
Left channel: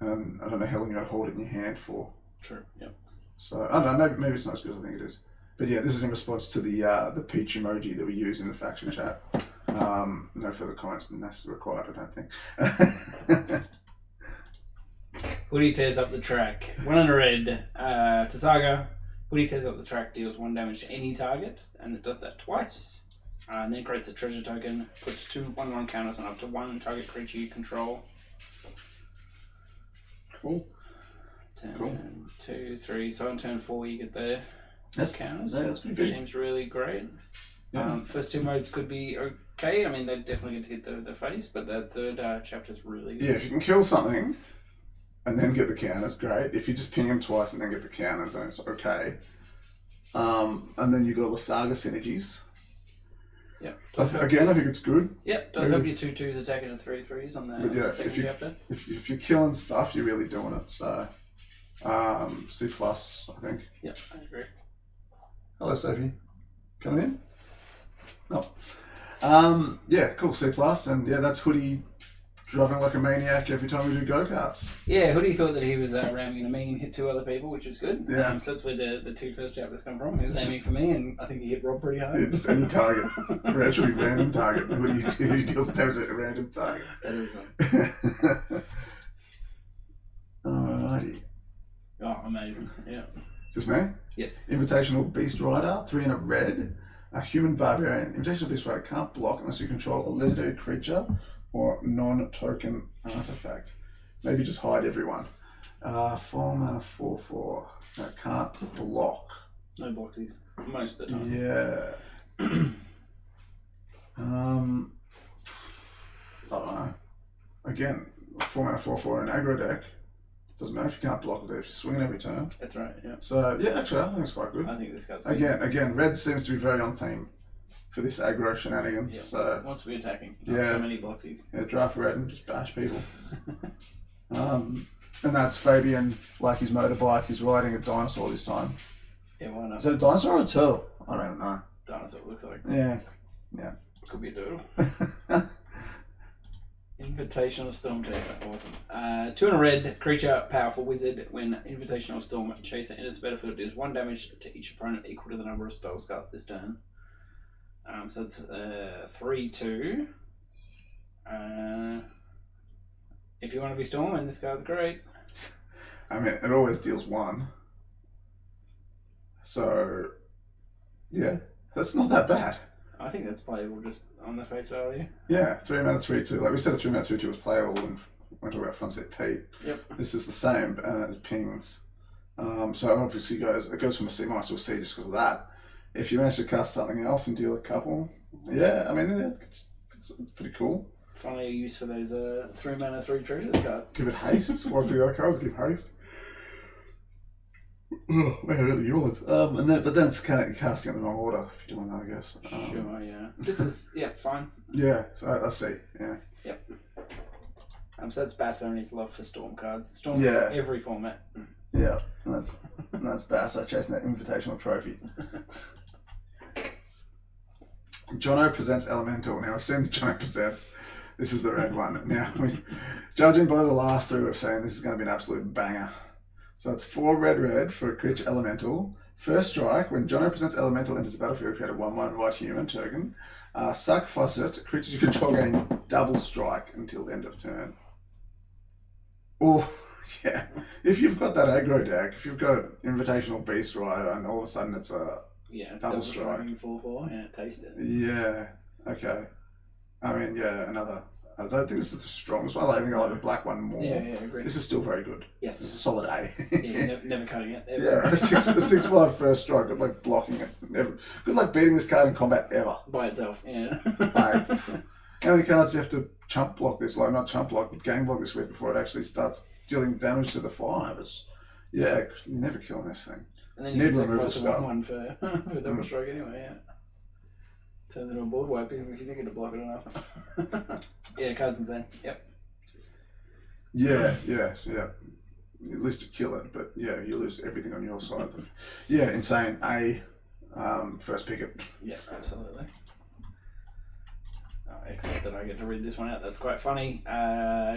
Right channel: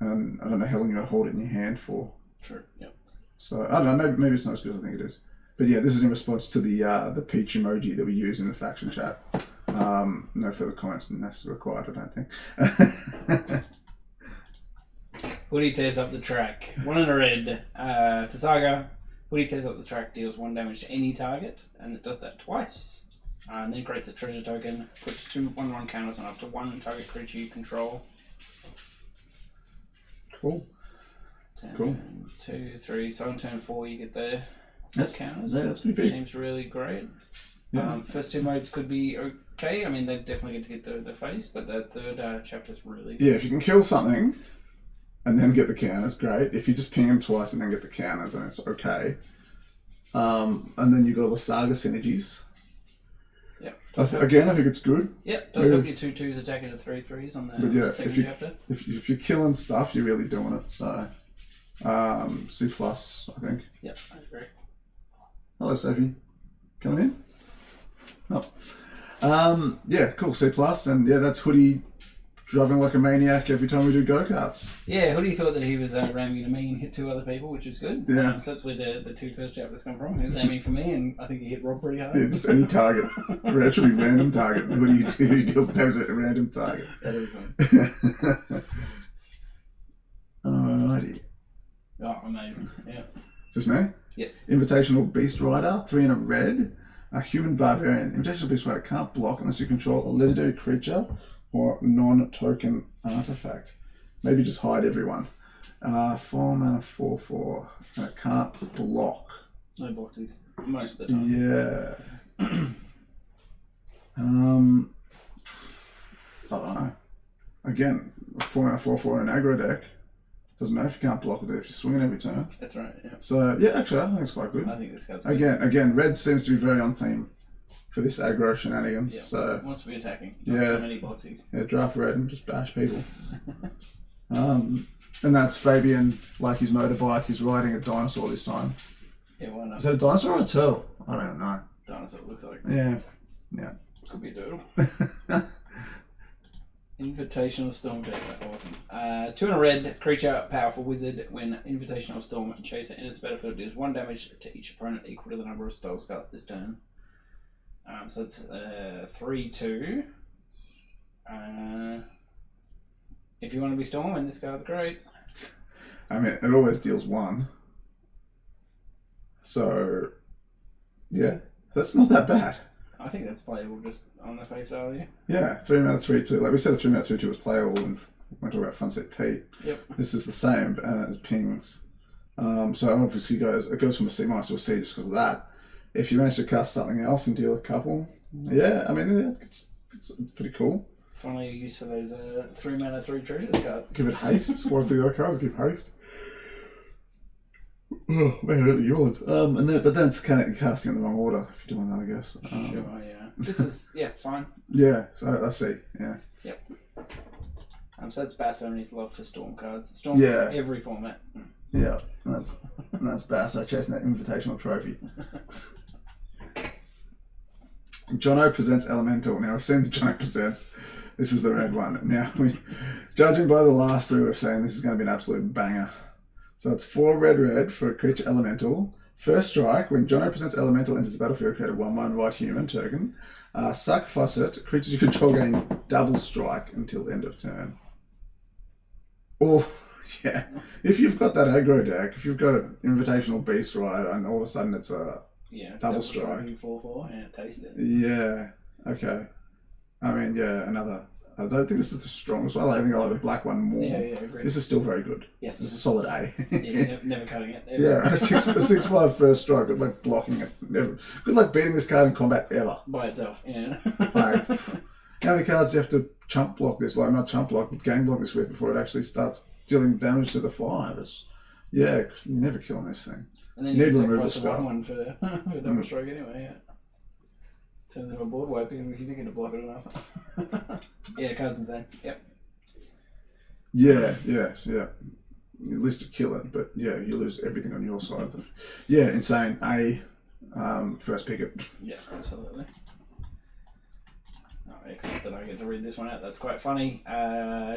And I don't know how long you got to hold it in your hand for. True. Yep. So I don't know. Maybe it's not as good as I think it is. But yeah, this is in response to the peach emoji that we use in the faction chat. No further comments than that's required, I don't think. Hoodie tears up the track. 1 and a red. To Saga. Hoodie tears up the track, deals 1 damage to any target, and it does that twice. And then creates a treasure token, puts 2 1/1 counters on up to 1 target creature you control. Cool. Turn 2, 3. So on turn 4 you get the counters. Yeah, that's pretty big. Seems really great. Yeah. First 2 modes could be okay. I mean, they definitely get to get the face, but that third chapter's really good. Yeah, if you can kill something and then get the counters, great. If you just ping him twice and then get the counters, then it's okay. And then you got all the Saga synergies. Yep. Again, I think it's good. Yep, does help your 2/2s attacking and 3/3s on the second chapter. If you're killing stuff, you're really doing it. So, C+, I think. Yep, I agree. Hello, Sophie. Coming in? Oh. Yeah, cool. C+, and yeah, that's Hoodie driving like a maniac every time we do go-karts. Yeah, Hoodie thought that he was ramming a me and hit 2 other people, which was good. Yeah. So that's where the 2 first chapters come from. He was aiming for me, and I think he hit Rob pretty hard. Yeah, just any target. Actually, random target. Hoodie deals damage at a random target. That is fun. Alrighty. Oh, amazing. Yeah. Is this me? Yes. Invitational Beast Rider, 3 and a red. A human barbarian. Invitational Beast Rider can't block unless you control a legendary creature or non-token artifact. Maybe just hide everyone. 4 mana, 4/4. Can't block. No boxies. Most of the time. Yeah. I don't know. Again, 4 mana, 4/4 in an aggro deck. Doesn't matter if you can't block with it if you swing it every turn. That's right, yeah. So, yeah, actually, I think it's quite good. I think this card's good. Again, red seems to be very on theme for this aggro shenanigans. Yeah. So Wants to be attacking. Not so many boxies. Yeah, draft red and just bash people. And that's Fabian, like his motorbike, he's riding a dinosaur this time. Yeah, why not? Is that a dinosaur or a turtle? I don't even know. Dinosaur looks like. Yeah. Could be a turtle. Invitational Storm Taker, awesome. 2 and a red, creature, powerful wizard. When Invitational Storm Chaser enters the battlefield, deals 1 damage to each opponent equal to the number of spells cast this turn. So it's 3/2. If you want to be Storming, this card's great. I mean, it always deals 1. So, yeah, that's not that bad. I think that's playable just on the face value. Yeah, 3 mana, 3/2. Like we said, 3 mana, 3/2 was playable when we talk about front set Pete. Yep. This is the same, and it pings. So obviously it goes from a C- to a C just because of that. If you manage to cast something else and deal a couple, yeah, I mean, it's pretty cool. Finally a use for those 3 mana, 3 treasures card. Give it haste. What's the other cards? Give haste. Oh, man, really yawns. But then it's kind of casting in the wrong order if you're doing that, I guess. Sure, yeah. This is, fine. Yeah, so let's see. Yeah. Yep. So that's Basso and his love for Storm cards. Storm for every format. Yeah, that's Basso chasing that invitational trophy. Jono presents Elemental. Now, I've seen the Jono presents. This is the red one. Now, judging by the last 3, we're saying this is going to be an absolute banger. So it's 4 red for a creature elemental. First strike, when Jono presents Elemental enters the battlefield, create a 1/1 white human token. Sacrifice it. Creatures you control gain double strike until end of turn. Oh, yeah. If you've got that aggro deck, if you've got Invitational Beast Rider, and all of a sudden it's a double strike. 4/4, taste it. Yeah, okay. I mean, yeah, another I don't think this is the strongest one. I think I like the black one more. Yeah, agree. This is still very good. Yes. This is a solid A. Yeah, never cutting it. Ever. Yeah, a 6/5 first strike. Good luck blocking it. Never. Good luck beating this card in combat ever. By itself, yeah. Like, how many cards do you have to chump block this? Like, not chump block, but game block this with before it actually starts dealing damage to the 5? Yeah, you're never killing this thing. And then you need remove the 1/1 for double stroke anyway, yeah. Turns into a board wipe if you think it'll block it enough. Yeah, card's insane. Yep. Yeah. At least you kill it, but yeah, you lose everything on your side. Yeah, insane. First pick it. Yeah, absolutely. Oh, excellent that I get to read this one out. That's quite funny.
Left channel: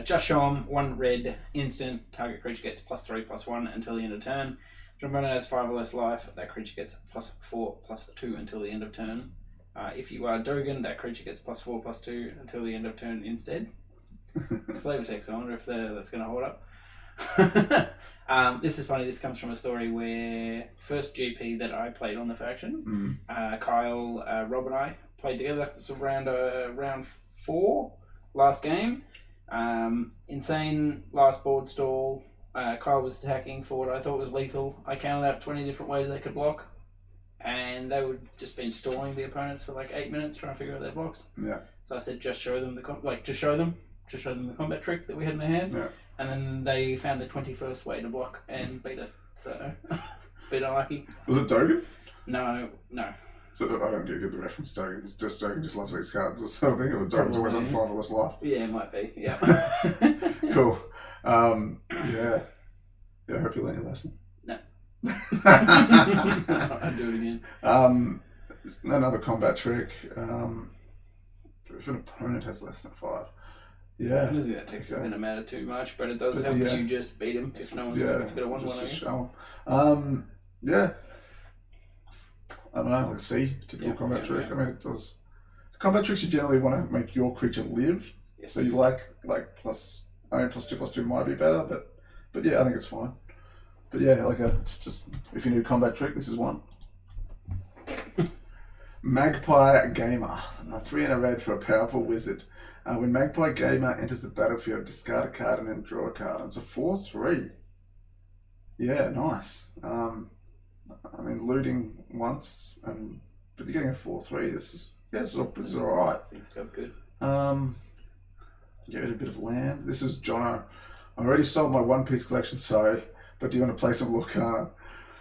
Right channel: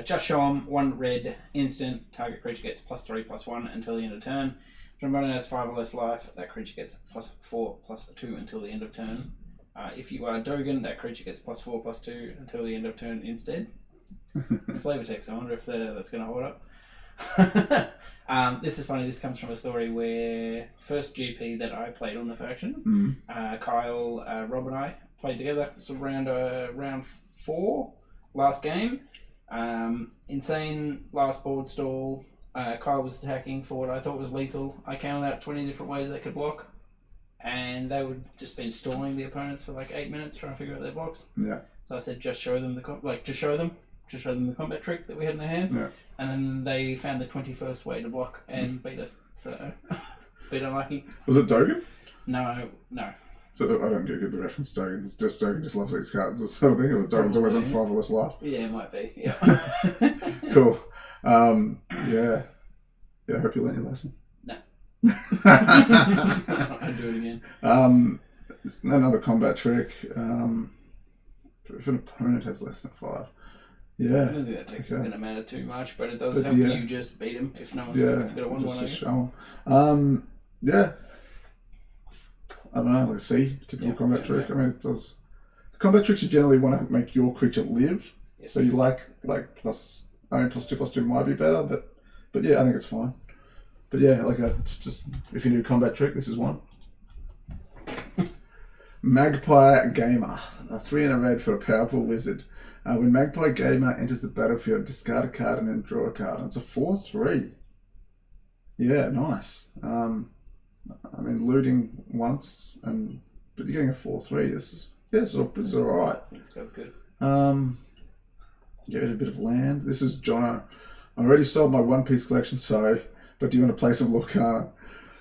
Just show 'em 1 red instant. Target creature gets +3/+1 until the end of turn. Trombone has 5 or less life. That creature gets +4/+2 until the end of turn. If you are Dogen, that creature gets +4/+2 until the end of turn instead. It's flavor text. I wonder if that's going to hold up. This is funny. This comes from a story where first GP that I played on the faction, Kyle, Rob and I played together. It was round 4 last game. Insane last board stall. Kyle was attacking for what I thought was lethal. I counted out 20 different ways they could block. And they would just been stalling the opponents for like 8 minutes trying to figure out their blocks. Yeah. So I said, just show them the combat trick that we had in their hand. Yeah. And then they found the 21st way to block and beat us. So, bit unlucky. Was it Dogen? No. So I don't get the reference. Dogen just loves these cards. I think it was Dogen's always on 5 or less life. Yeah, it might be. Yeah. Cool. Yeah. I hope you learned your lesson. No. I'd do it again. Another combat trick. If an opponent has less than 5. Yeah. I don't think that takes going to matter too much, but it does help you just beat him if no one's got a 1/1. Just show them. Yeah. I don't know, like C, typical combat trick. I mean, it does. Combat tricks you generally want to make your creature live. Yes. So you like +2/+2 might be better, but yeah, I think it's fine. But yeah, it's just if you need a combat trick, this is one. Magpie Gamer, 3 and a red for a powerful wizard. When Magpie Gamer enters the battlefield, discard a card and then draw a card. And it's a 4/3. Yeah, nice. I mean, looting once, but you're getting a 4/3. This is alright. I think this good. Get rid of a bit of land. This is Jono. I already sold my One Piece collection, but do you want to play some Lorcana?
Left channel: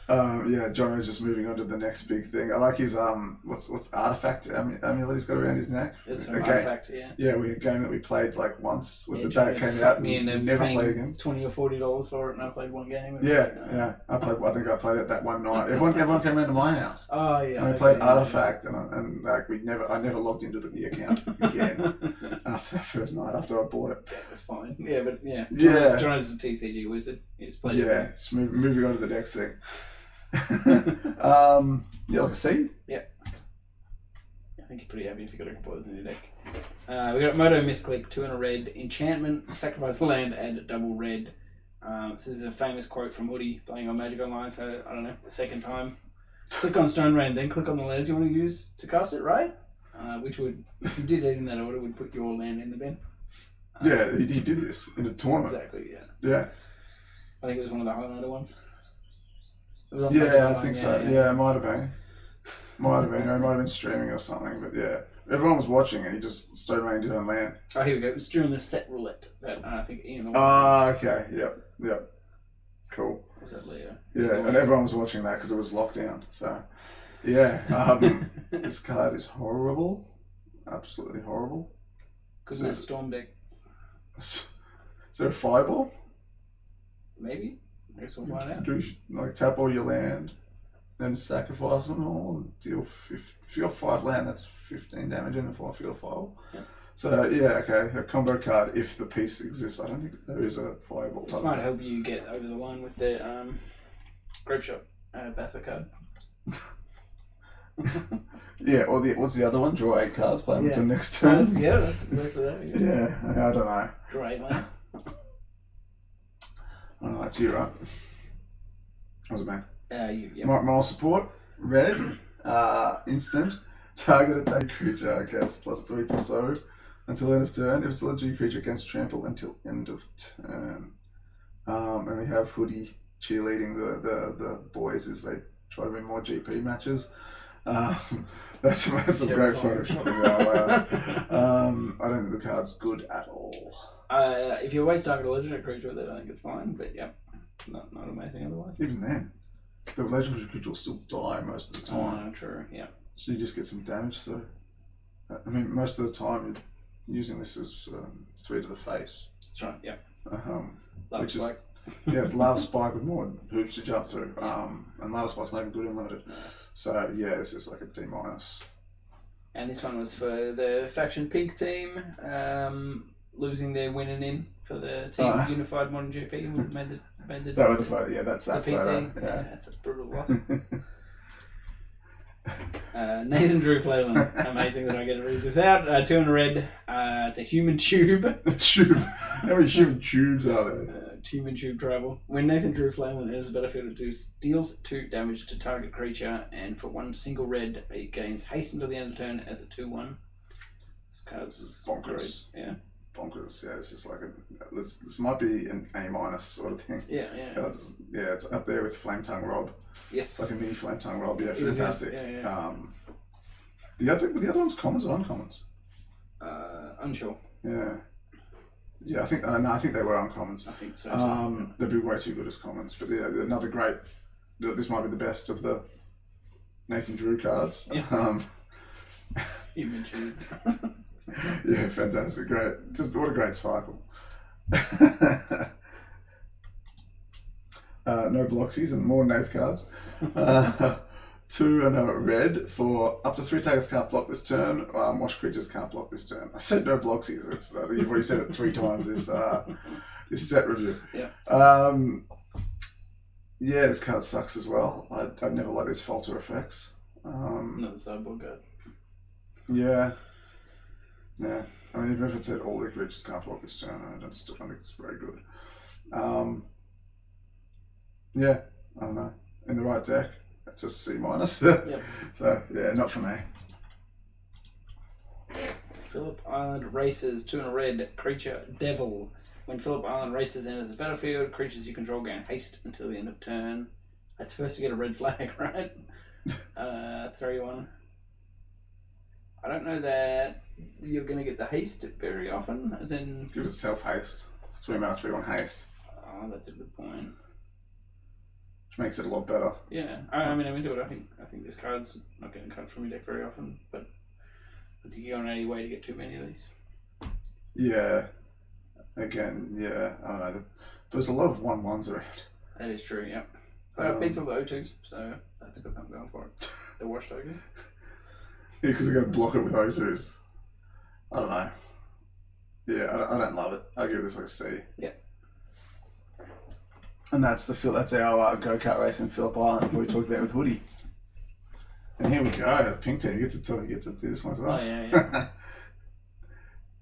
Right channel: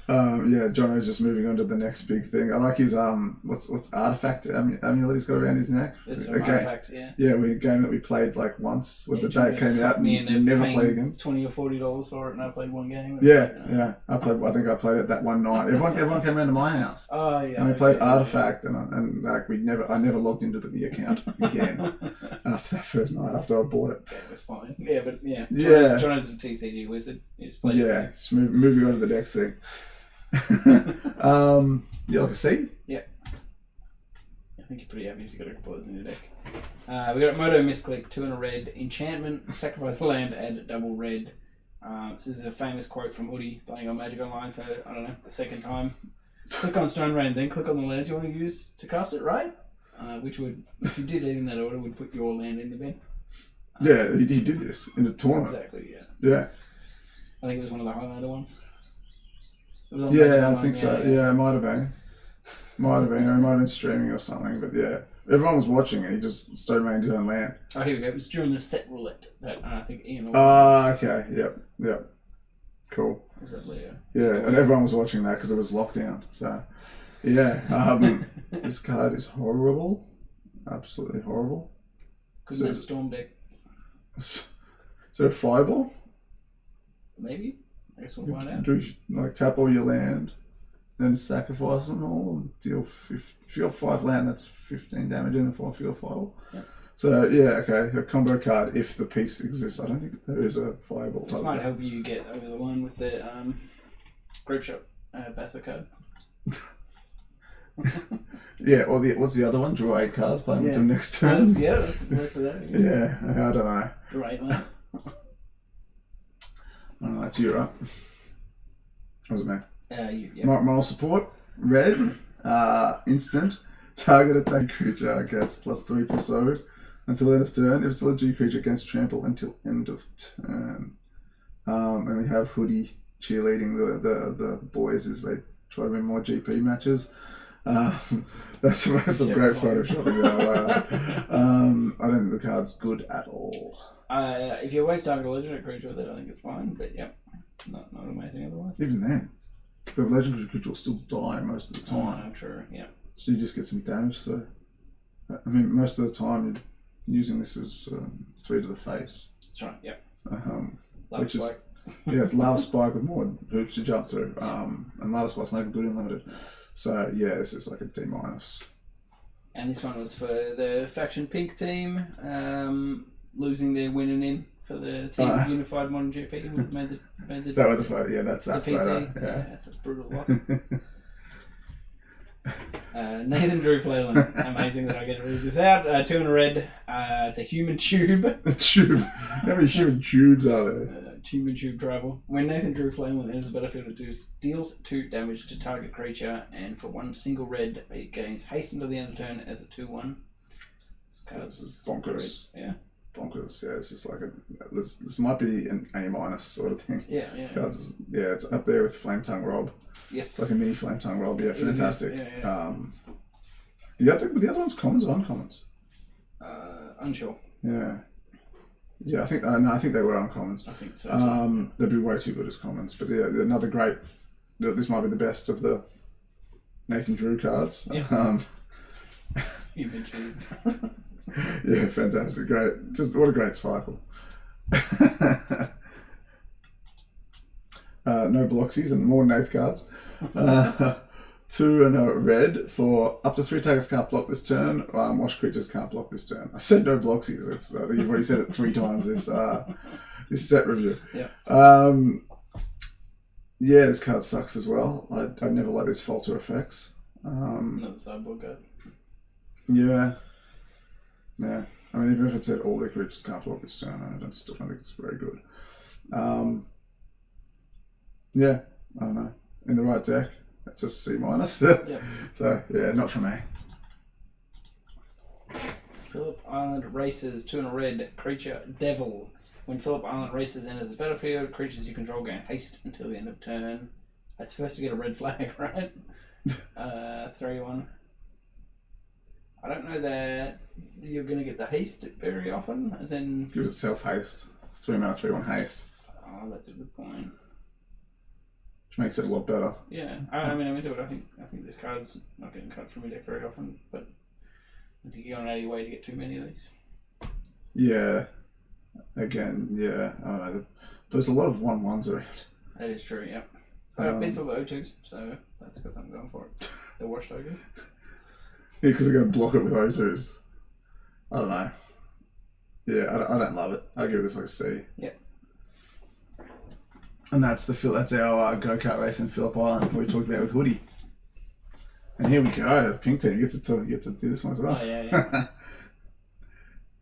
Yeah, Jono's just moving on to the next big thing. I like his what's artifact amulet he's got around his neck. It's an artifact, yeah. Yeah, a game that we played once with the day it came out and never played again. $20 or $40 for it, and I played one game. Yeah. I think I played it that one night. Everyone came around to my house. Oh yeah. And we played artifact, and I never logged into the account again after that first night after I bought it. That was fine. Yeah, but yeah. Jono's a TCG wizard. He just played. Yeah, just moving on to the next thing. Yeah, like a C? Yeah. I think you're pretty happy if you've got a couple of those in your deck. We got Moto Misclick, 2 and a red. Enchantment, sacrifice land, add double red. This is a famous quote from Woody playing on Magic Online for, I don't know, the second time. Click on Stone Rain, then click on the lands you want to use to cast it, right? Which would, if you did it in that order, would put your land in the bin. Yeah, he did this in the tournament. Exactly, yeah. Yeah. I think it was one of the highlighter ones. Yeah, I think so. Yeah, it might have been. He might have been streaming or something, but yeah. Everyone was watching and he just stone rained his own land. Oh, here we go. It was during the set roulette that I think Ian... Okay. Yep. Cool. Was that Leo? Yeah, and everyone was watching that because it was lockdown. So, yeah. This card is horrible. Absolutely horrible. Because it's Storm deck. Is there a fireball? Maybe. I guess we'll find out. Do you tap all your land, then sacrifice them all, and deal. If you got 5 land, that's 15 damage in a field file. Yep. So yeah, okay, a combo card if the piece exists. I don't think there is a fireball. This might help you get over the line with the Grape Shop Basso card. Yeah, or what's the other one? Draw 8 cards, play them until next turn. That's a good for that. Yeah, I don't know. Draw 8 lands. Oh, that's you, right? What was it, man? You, yeah. Moral support, red, instant, target attack creature gets +3/+0 until end of turn. If it's a legendary creature, against trample until end of turn. And we have Hoodie cheerleading the boys as they try to win more GP matches. That's some great photoshopping there. I don't think the card's good at all. If you always target a legendary creature with it, I think it's fine. But yep, not amazing otherwise. Even then, the legendary creature will still die most of the time. Oh, true. Yeah. So you just get some damage through. I mean, most of the time you're using this as 3 to the face. That's right. Yep. Which is it's Lava Spike with more hoops to jump through. And Lava Spike's not even good in limited. So yeah, this is like a D-. And this one was for the faction pink team, losing their winning in for the team unified modern GP. Who made the that was the photo. Yeah, that's that PT. photo. Yeah, it's a brutal loss. Nathan Drew Flailin. Amazing that I get to read this out. 2 in a red. It's a human tube. A tube. How many human tubes are there? Human tube travel. When Nathan Drew Flailin enters the battlefield, it deals 2 damage to target creature, and for 1 single red, it gains haste until the end of turn as a 2/1. This card's bonkers. Yeah. Bonkers. Yeah, it's just like this might be an A- sort of thing. Yeah. It's up there with Flame Tongue Rob. Yes. Like a mini Flame Tongue Rob. Yeah, fantastic. Yeah. The other one's commons or uncommons? Unsure. Yeah. Yeah, I think they were uncommons. I think so. They'd be way too good as commons. But yeah, another great. This might be the best of the Nathan Drew cards. Yeah. Human tube. Yeah, fantastic. Great. Just what a great cycle. No Bloxies and more Nath cards. 2 and a red for up to 3 targets can't block this turn. Wash creatures can't block this turn. I said no Bloxies. It's, you've already said it 3 times this set review. Yeah. Yeah, this card sucks as well. I'd never like these falter effects. Another sideboard card. Yeah. Yeah. I mean, even if it said all the creatures can't block this turn, I still don't think it's very good. Yeah, I don't know. In the right deck, that's a C-. Yep. So, yeah, not for me. Phillip Island Races, 2 in a red, creature Devil. When Phillip Island Races enters the battlefield, creatures you control gain haste until the end of turn. That's first to get a red flag, right? 3/1. I don't know that you're going to get the haste very often, as in... Give it self-haste. 3 mana, 3/1 haste. Oh, that's a good point. Which makes it a lot better. Yeah, I mean, I'm into it. I think this card's not getting cut from your deck very often, but I think you're going out of your way to get too many of these. Yeah. Again, yeah, I don't know. But there's a lot of 1/1s around. That is true, yep. But beats all the O2s, so that's got something going for it. The wash tokens. Yeah, because they're going to block it with O2s. I don't know. Yeah, I don't love it. I'll give this like a C. Yeah. And that's our go-kart race in Phillip Island we talked about with Hoodie. And here we go, the pink team. You get to do this one as well. Oh, yeah.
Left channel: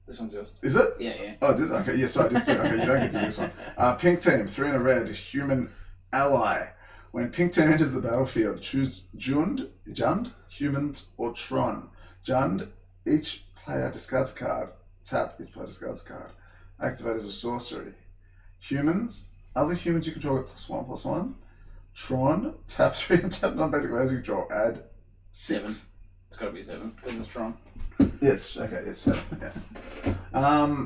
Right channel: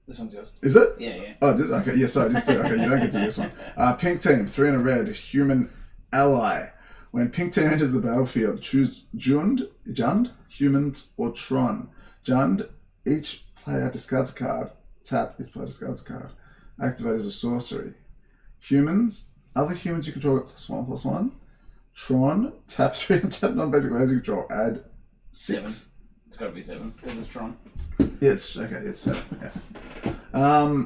This one's yours. Is it? Yeah. Oh, okay. Yeah, sorry. Just okay. You don't get to this one. Pink team, 3 in a red, human ally. When pink team enters the battlefield, choose Jund, humans, or Tron. Jund, each player discards a card. Tap, each player discards a card. Activate as a sorcery. Humans, other humans you control get +1/+1. Tron, tap 3 and tap non-basic lands you control. Add 6. 7. It's got to be 7 because it's Tron. Yeah, it's okay. It's 7. Yeah.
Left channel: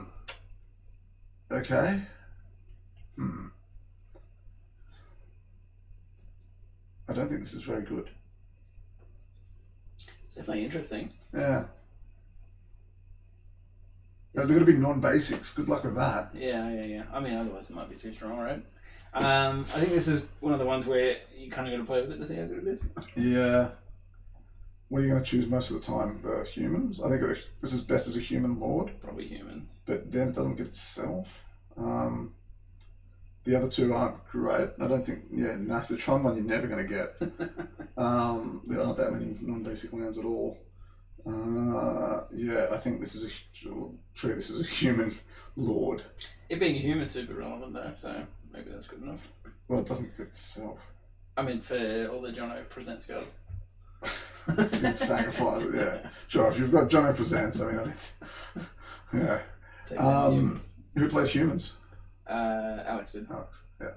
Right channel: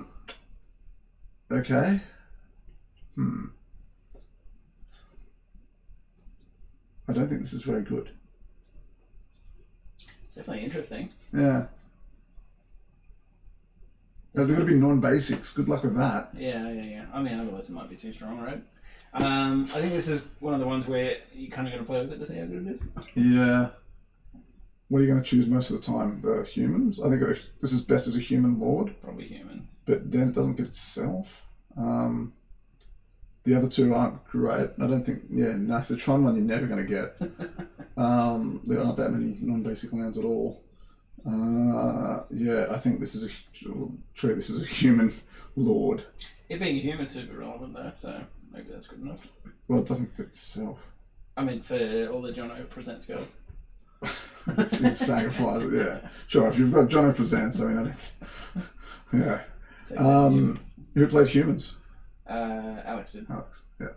Okay. I don't think this is very good. It's definitely interesting. Yeah. They're going to be non-basics. Good luck with that. Yeah. I mean, otherwise it might be too strong, right? I think this is one of the ones where you kind of got to play with it to see how good it is. Yeah. What are you going to choose most of the time? The humans? I think this is best as a human lord. Probably humans. But then it doesn't get itself. The other 2 aren't great. I don't think... Yeah, no, the Tron one you're never going to get. There aren't that many non-basic lands at all. Yeah, I think this is a human lord. It being a human is super relevant though, so maybe that's good enough. Well, it doesn't get itself. I mean, for all the Jono presents cards. Sacrifice it, yeah. Sure, if you've got Jono Presents, I mean, yeah. Who played humans? Alex did. Alex, yeah.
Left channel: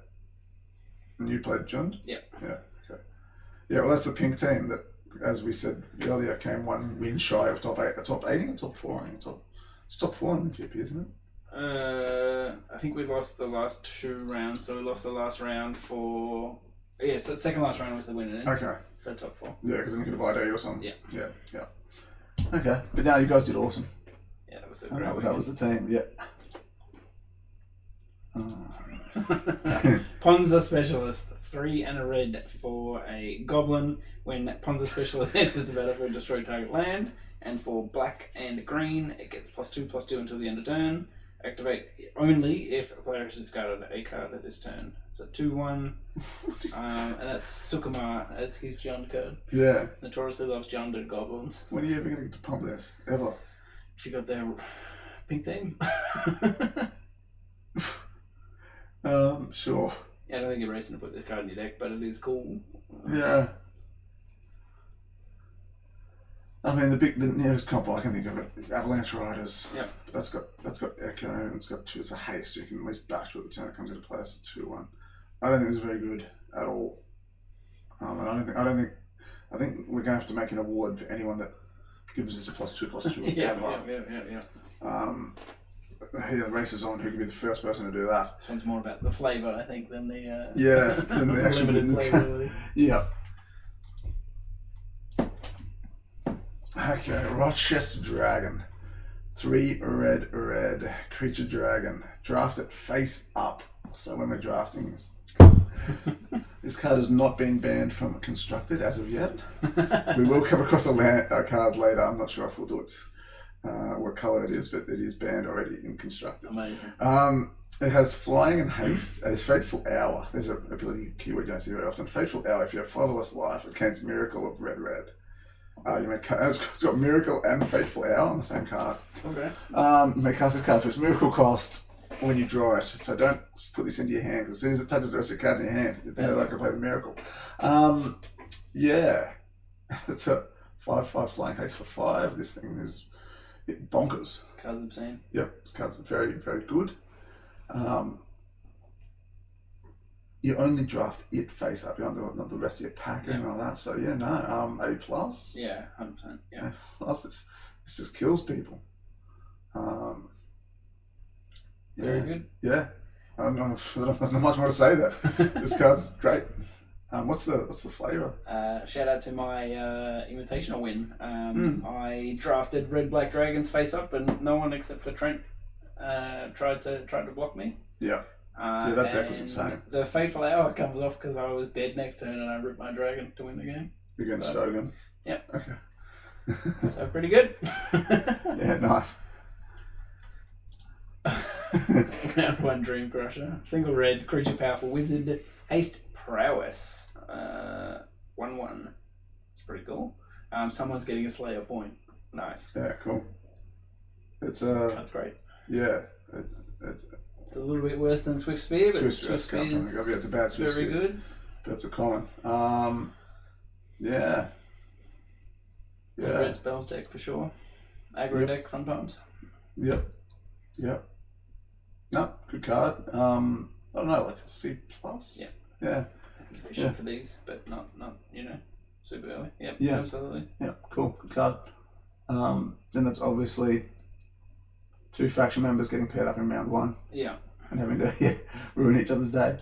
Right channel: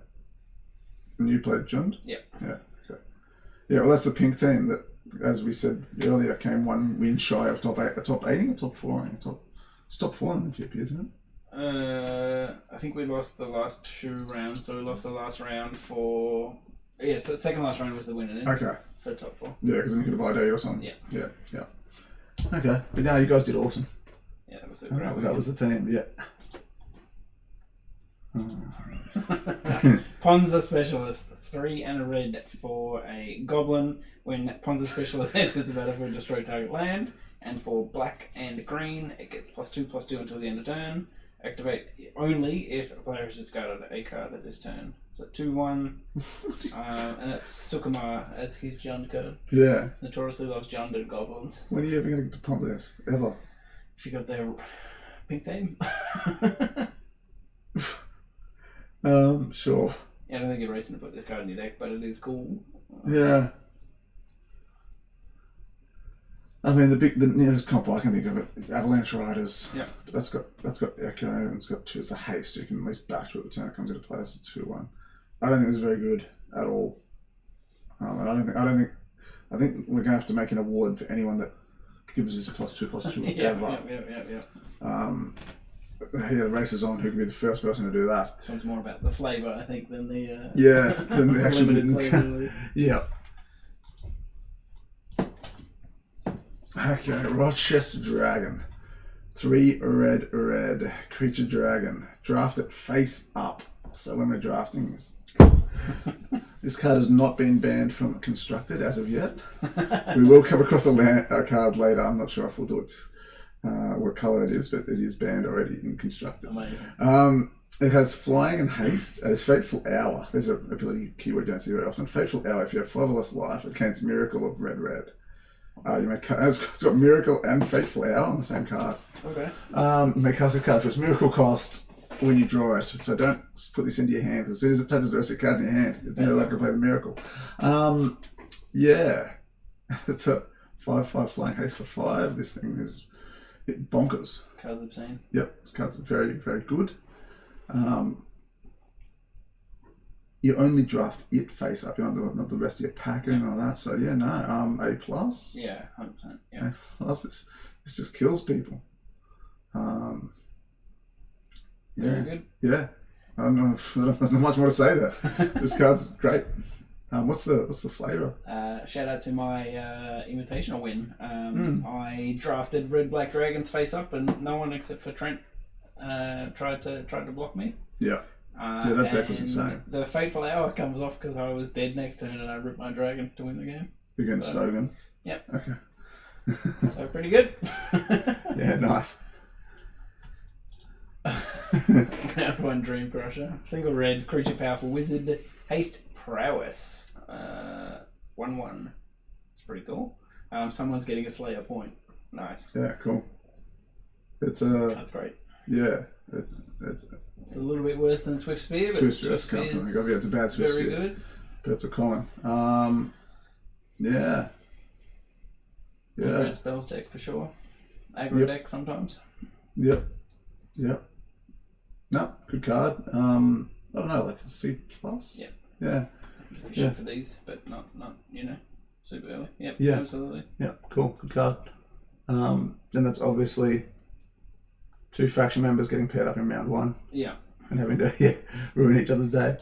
And you played Jund? Yeah. Yeah, okay. Yeah, well, that's the pink team that, as we said earlier, came one win shy of top 8, top 8 or top 4? It's top 4 in the GP, isn't it? I think we lost the last 2 rounds, so we lost the last round for... Yeah, so the second last round was the winner then. Okay. For top 4. Yeah, because then you could have ID or something. Yeah. Yeah. Okay, but now you guys did awesome. Yeah, that was the great that was the team, yeah. Ponza Specialist. 3 and a red for a Goblin. When Ponza Specialist enters the battlefield, destroy target land. And for black and green, it gets +2/+2 until the end of turn. Activate only if a player has discarded a card at this turn. So 2/1. And that's Sukuma. That's his Jund card. Yeah. Notoriously loves Junded goblins. When are you ever going to get to pump this? Ever? If you got their pink team. Sure. Yeah, I don't think you're racing to put this card in your deck, but it is cool. Yeah. I mean, the nearest comp I can think of it is Avalanche Riders. Yeah. But that's got Echo and it's got 2. It's a haste. So you can at least bash to it the turn it comes into play. It's a 2/1. I don't think it's very good at all. I think we're gonna have to make an award for anyone that gives us a +2/+2 ever. Yeah, the race is on. Who can be the first person to do that? This one's more about the flavour, I think, than the than the actual limited playability. Yeah. Okay, Rochester Dragon. 3 red creature dragon. Draft it face up. So when we're drafting this card has not been banned from Constructed as of yet. We will come across a card later. I'm not sure if we'll do it. What colour it is, but it is banned already in Constructed. Amazing. It has flying and haste. It has Fateful Hour. There's an ability keyword you don't see very often. Fateful Hour. If you have 5 or less life, it casts Miracle of red. You may it's got Miracle and Fateful Hour on the same card. Okay. You may cast this card for its Miracle cost when you draw it. So don't put this into your hand, because as soon as it touches the rest of the cards in your hand, you're not going to play the Miracle. Yeah. It's a 5/5 flying haste for 5. This thing is bonkers. Cards obscene. Yep, this card's very, very good. You only draft it face up. You don't not the rest of your pack or anything like that. So yeah, no. A+. Yeah, 100%. Yeah. A+. This just kills people. Very good. Yeah. I don't know. There's not much more to say there. This card's great. What's the flavour? Shout out to my Invitational win. I drafted red black dragons face up, and no one except for Trent tried to block me. Yeah. That deck was insane. The Fateful Hour comes off because I was dead next turn and I ripped my dragon to win the game. Against Stogan? Yep. Okay. So pretty good. Yeah, nice. Round 1 Dream Crusher. Single red, creature powerful wizard, haste prowess. 1/1. It's pretty cool. Someone's getting a Slayer point. Nice. Yeah, cool. That's great. Yeah. It's a little bit worse than Swift Spear, but Swift Spear is it's a bad Swift very Spear. good. But it's a common. Yeah. Red spells deck for sure. Aggro deck sometimes. Yep. No, good card. I don't know, like a C+. Yeah. Efficient for these, but not super early. Yep. Yeah. Absolutely. Yeah. Cool. Good card. Then that's obviously 2 faction members getting paired up in round 1. Yeah. And having to ruin each other's day.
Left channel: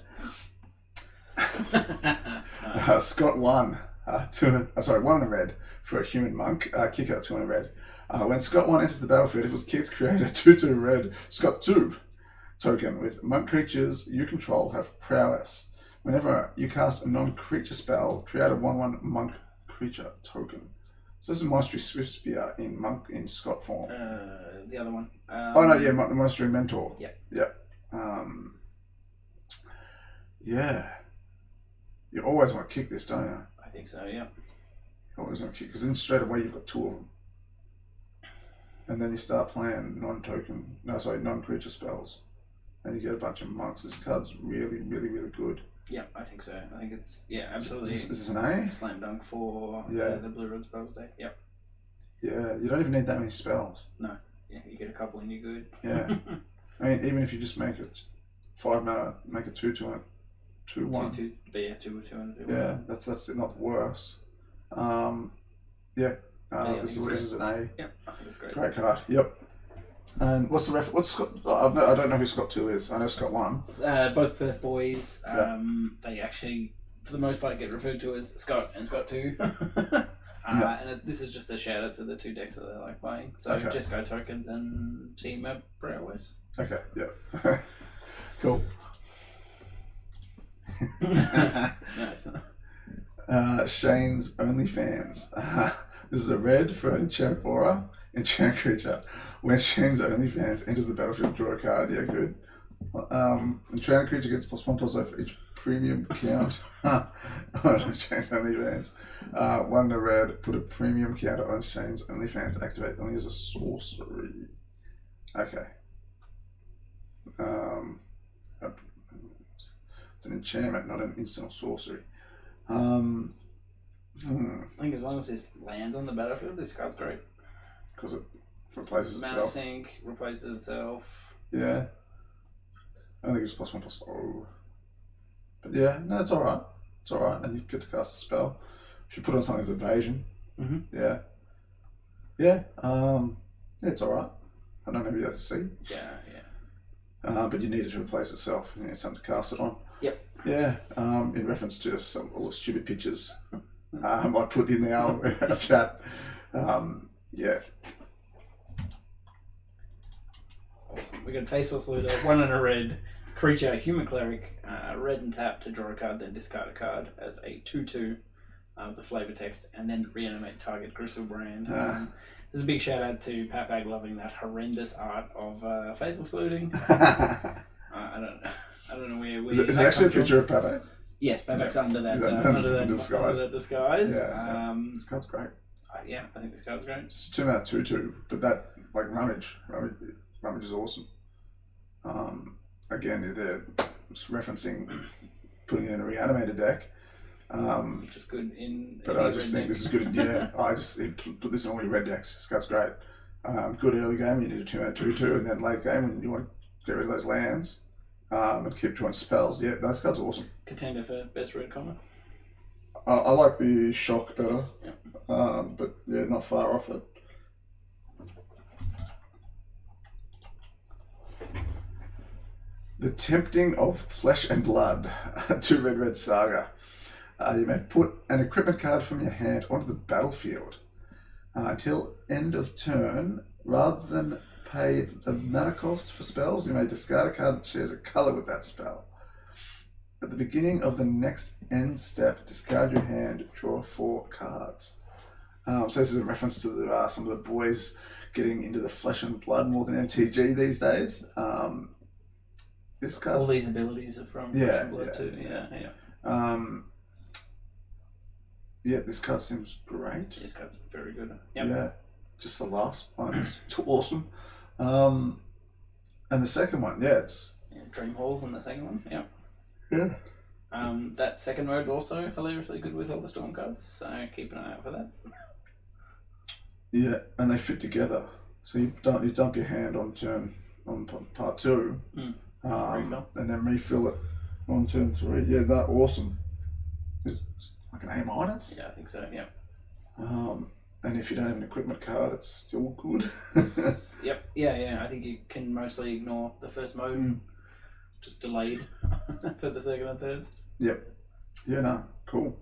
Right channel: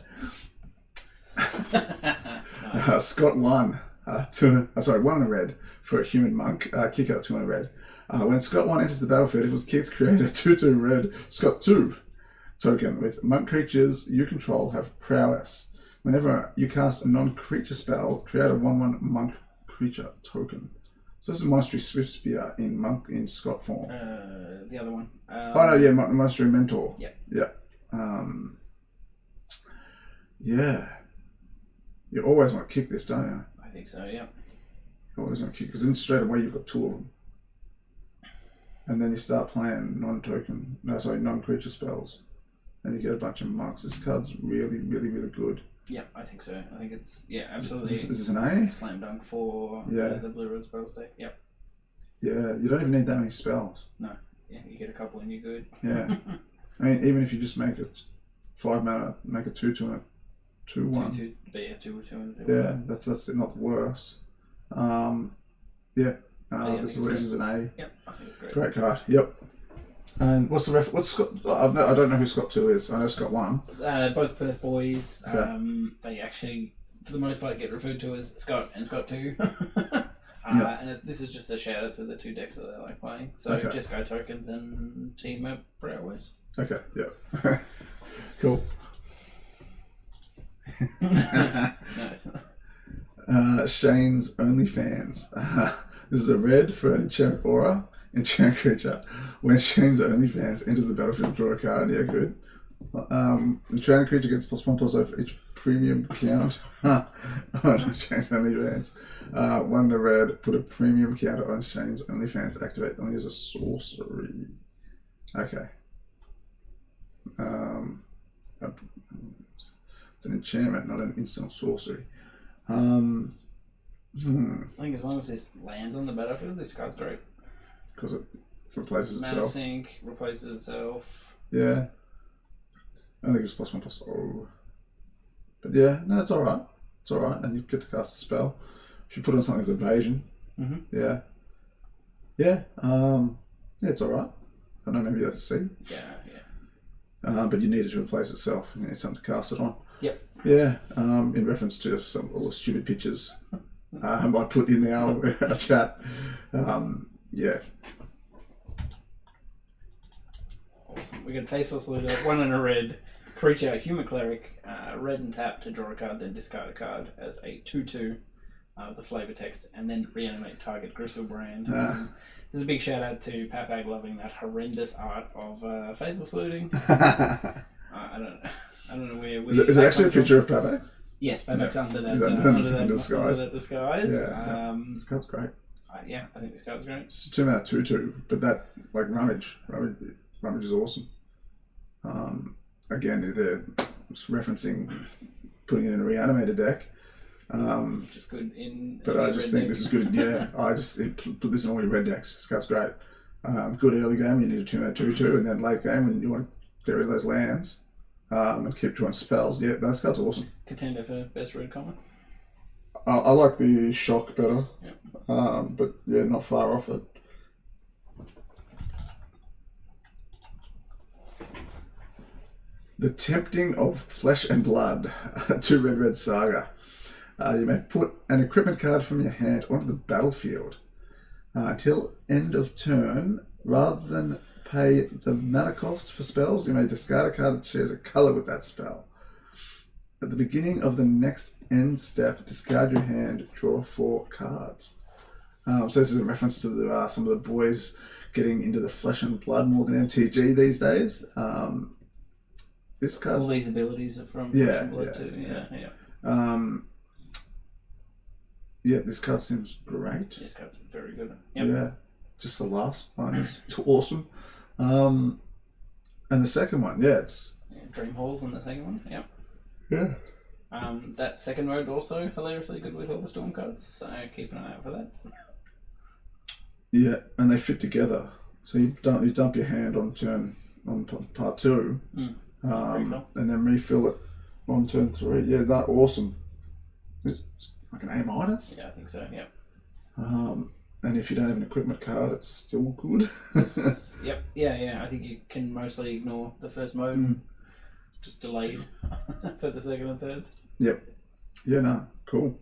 Nice. Scot 1. 1 and a red for a human monk. Kick out 2 and a red. When Scot 1 enters the battlefield, if it was kicked, create a 2/2 red Scot 2 token with monk creatures you control have prowess. Whenever you cast a non-creature spell, create a 1/1 monk creature token. So this is Monastery Swift Spear in Scot form. The other one. Monastery Mentor. Yep. Yeah. You always want to kick this, don't you? I think so, yeah. You always want to kick, because then straight away you've got 2 of them. And then you start playing non-creature spells. And you get a bunch of monks. This card's really, really, really good. Yeah, I think so. I think it's absolutely. Is this an A? Slam dunk for the blue red spells deck. Yep. Yeah, you don't even need that many spells. No. Yeah, you get a couple and you're good. Yeah. I mean, even if you just make it 5 mana, make a 2/2 and a 2/1. 2/2, but yeah, 2/2 and a 2/1. Yeah, that's not worse. This is an A. Yep, I think it's great. Great card. Yep. And what's the What's Scott? I don't know who Scott 2 is. I know Scott 1. Both Perth boys. They actually, for the most part, get referred to as Scott and Scott 2. And this is just a shout out to the 2 decks that they like playing. So just go tokens and team up Brawlers. Okay. Yeah. Cool. Nice. Shane's OnlyFans. This is a red for an enchant aura, enchant creature. When Shane's OnlyFans enters the battlefield, draw a card. Yeah, good. Enchanted creature gets +1/+0 for each premium count on Shane's OnlyFans. 1 in a red, put a premium counter on Shane's OnlyFans. Activate only as a sorcery. Okay. It's an enchantment, not an instant or sorcery. I think as long as this lands on the battlefield, this card's great. Because it replaces Mana itself. sink, replaces itself. Yeah. I think it's +1/+0. But yeah, no, it's alright. It's alright. And you get to cast a spell. If you put on something with evasion. Mm-hmm. Yeah. Yeah. It's alright. I don't know if you have to see. Yeah. But you need it to replace itself. You need something to cast it on. Yep. Yeah. In reference to all the stupid pictures I put in our chat. Yeah. Awesome. We got Tasteless Looter, 1 in a red, creature, human cleric, red and tap to draw a card, then discard a card as a 2/2 with the flavor text, and then reanimate target Gristlebrand. This is a big shout out to Papag loving that horrendous art of Faithless Looting. I don't know where. Is it actually a picture of Papag? Yes, Papag's under that disguise. Yeah, this card's great. I think this card's great. It's 2 mana 2/2, but that Rummage is awesome. Again, they're referencing putting it in a reanimated deck. Which is good in. But I just think this is good. Yeah, I just put this in all your red decks. This card's great. Good early game, you need a 2 mana 2/2, and then late game when you want to get rid of those lands and keep drawing spells. Yeah, this card's awesome. Contender for best red common. I like the shock better. Yep. But yeah, not far off it. The Tempting of Flesh and Blood, 2 red saga. You may put an equipment card from your hand onto the battlefield until end of turn. Rather than pay the mana cost for spells, you may discard a card that shares a color with that spell. At the beginning of the next end step, discard your hand, draw 4 cards. So this is a reference to some of the boys getting into the flesh and blood more than MTG these days. This card. All these abilities are from flesh and blood too. Yeah, this card seems great. This card's very good. Yep. Yeah, just the last one is awesome. And the second one, it's Dream Halls in the second one. Yep. Yeah. That second mode also hilariously good with all the storm cards, so keep an eye out for that. Yeah, and they fit together. So you dump your hand on part 2, and then refill it on turn 3. Yeah, that's awesome. It's like an A-. Yeah, I think so. Yeah. And if you don't have an equipment card, it's still good. Yep. Yeah. I think you can mostly ignore the first mode. Just delayed for the second and thirds. Yep. Yeah, no, cool.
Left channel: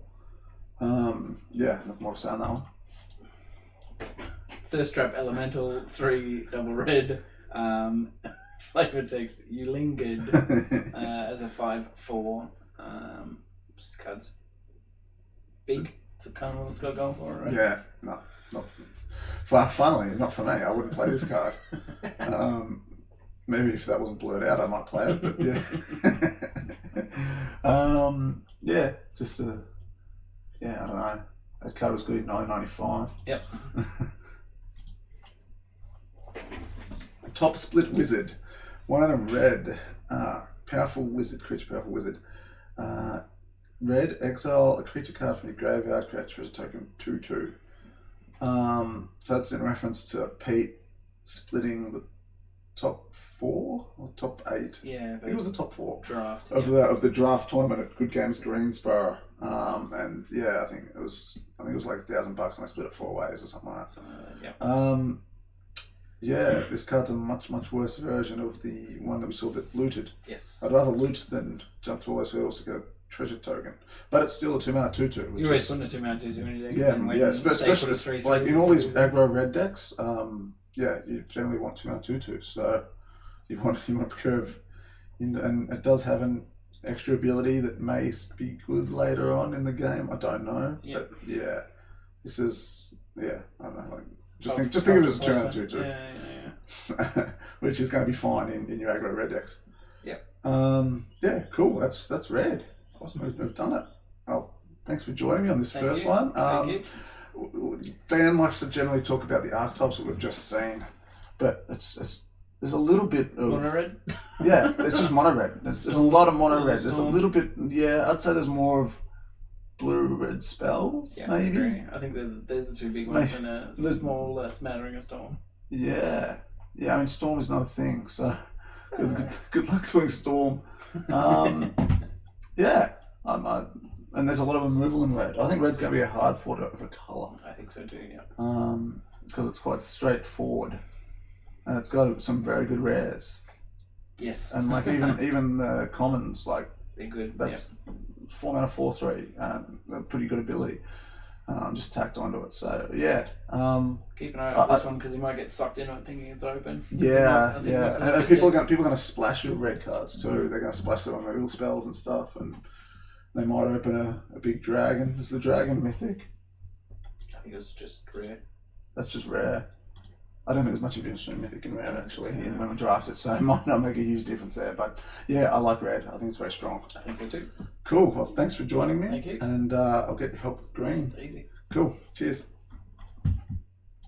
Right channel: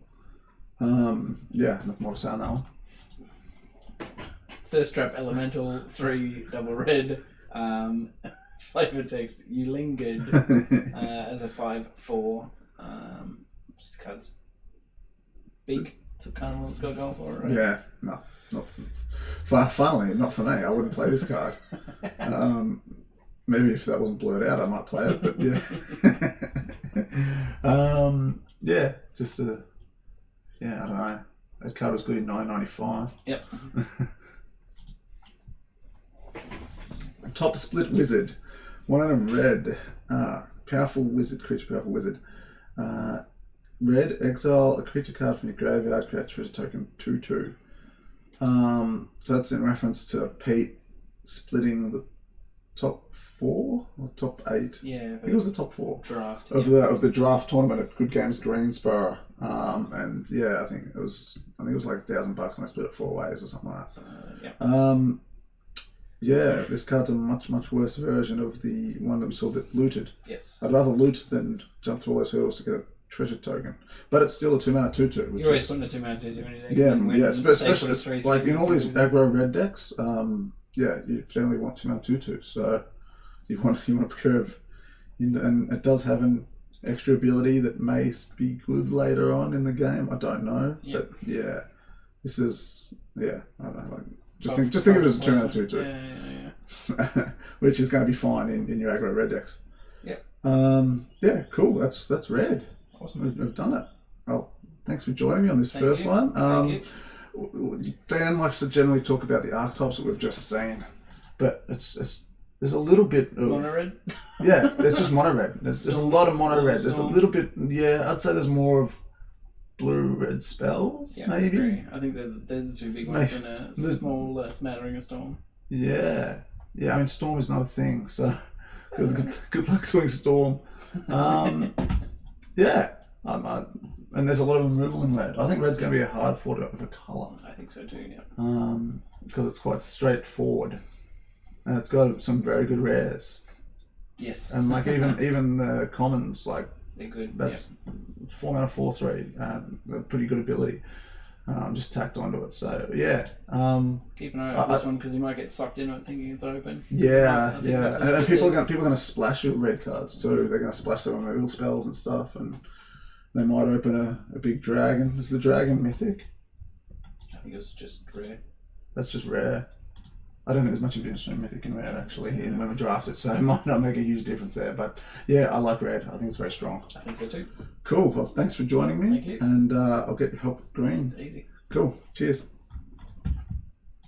Nothing more to say on that one. First trap elemental, 3 double red. Flavor text, you lingered as a 5/4. This card's big. It's kind of what it's got to go for, right? Yeah, no, not. Funnily, not for me. I wouldn't play this card. Maybe if that wasn't blurred out, I might play it. But yeah, I don't know. That card was good in 1995. Yep. Top Split Wizard, 1 in a red, powerful wizard creature, powerful wizard. Red, exile a creature card from your graveyard, create treasure token 2/2. So that's in reference to Pete splitting the top 4 or top 8. Yeah, I think it was the top 4 draft of the draft tournament at Good Games Greensboro. And yeah, I think it was like $1,000, and I split it 4 ways or something like that. So, yeah. Yeah, this card's a much worse version of the one that we saw that looted. Yes. I'd rather loot than jump through all those hurdles to get a treasure token. But it's still a 2-mana 2/2. You always put a 2-mana 2/2 when you do. Yeah, especially like in all these aggro red decks. Yeah, you generally want 2-mana 2/2. So you want to curve, and it does have an extra ability that may be good later on in the game. I don't know, but yeah, this is I don't know. Like just think of it as a 2-mana 2/2. Yeah. Which is going to be fine in your aggro red decks. Yep. Yeah, cool. That's red. Awesome. We've done it. Well, thanks for joining me on this first you. one. Thank you. Dan likes to generally talk about the archetypes that we've just seen, but there's a little bit of mono red. Yeah, it's just mono red. There's a lot of mono red. There's a little bit. Yeah, I'd say there's more of blue-red spells, maybe. I agree. I think they're the 2 big ones and a small smattering of storm. Yeah. I mean, storm is not a thing, so good luck doing storm. Yeah. And there's a lot of removal in red. I think red's going to be a hard fought of a colour. I think so too. Yeah. Because it's quite straightforward, and it's got some very good rares. Yes. And like even the commons, like they're good. That's 4-mana 4/3, a pretty good ability. Just tacked onto it. So yeah. Keep an eye out for this one because you might get sucked in it thinking it's open. Yeah. And people are going to splash your red cards too. They're going to splash their removal spells and stuff, and they might open a big dragon. Is the dragon mythic? I think it's just rare. That's just rare. I don't think there's much difference between mythic and red actually when we draft it, so it might not make a huge difference there. But yeah, I like red. I think it's very strong. I think so too. Cool. Well, thanks for joining me. Thank you. And I'll get help with green. Easy. Cool. Cheers.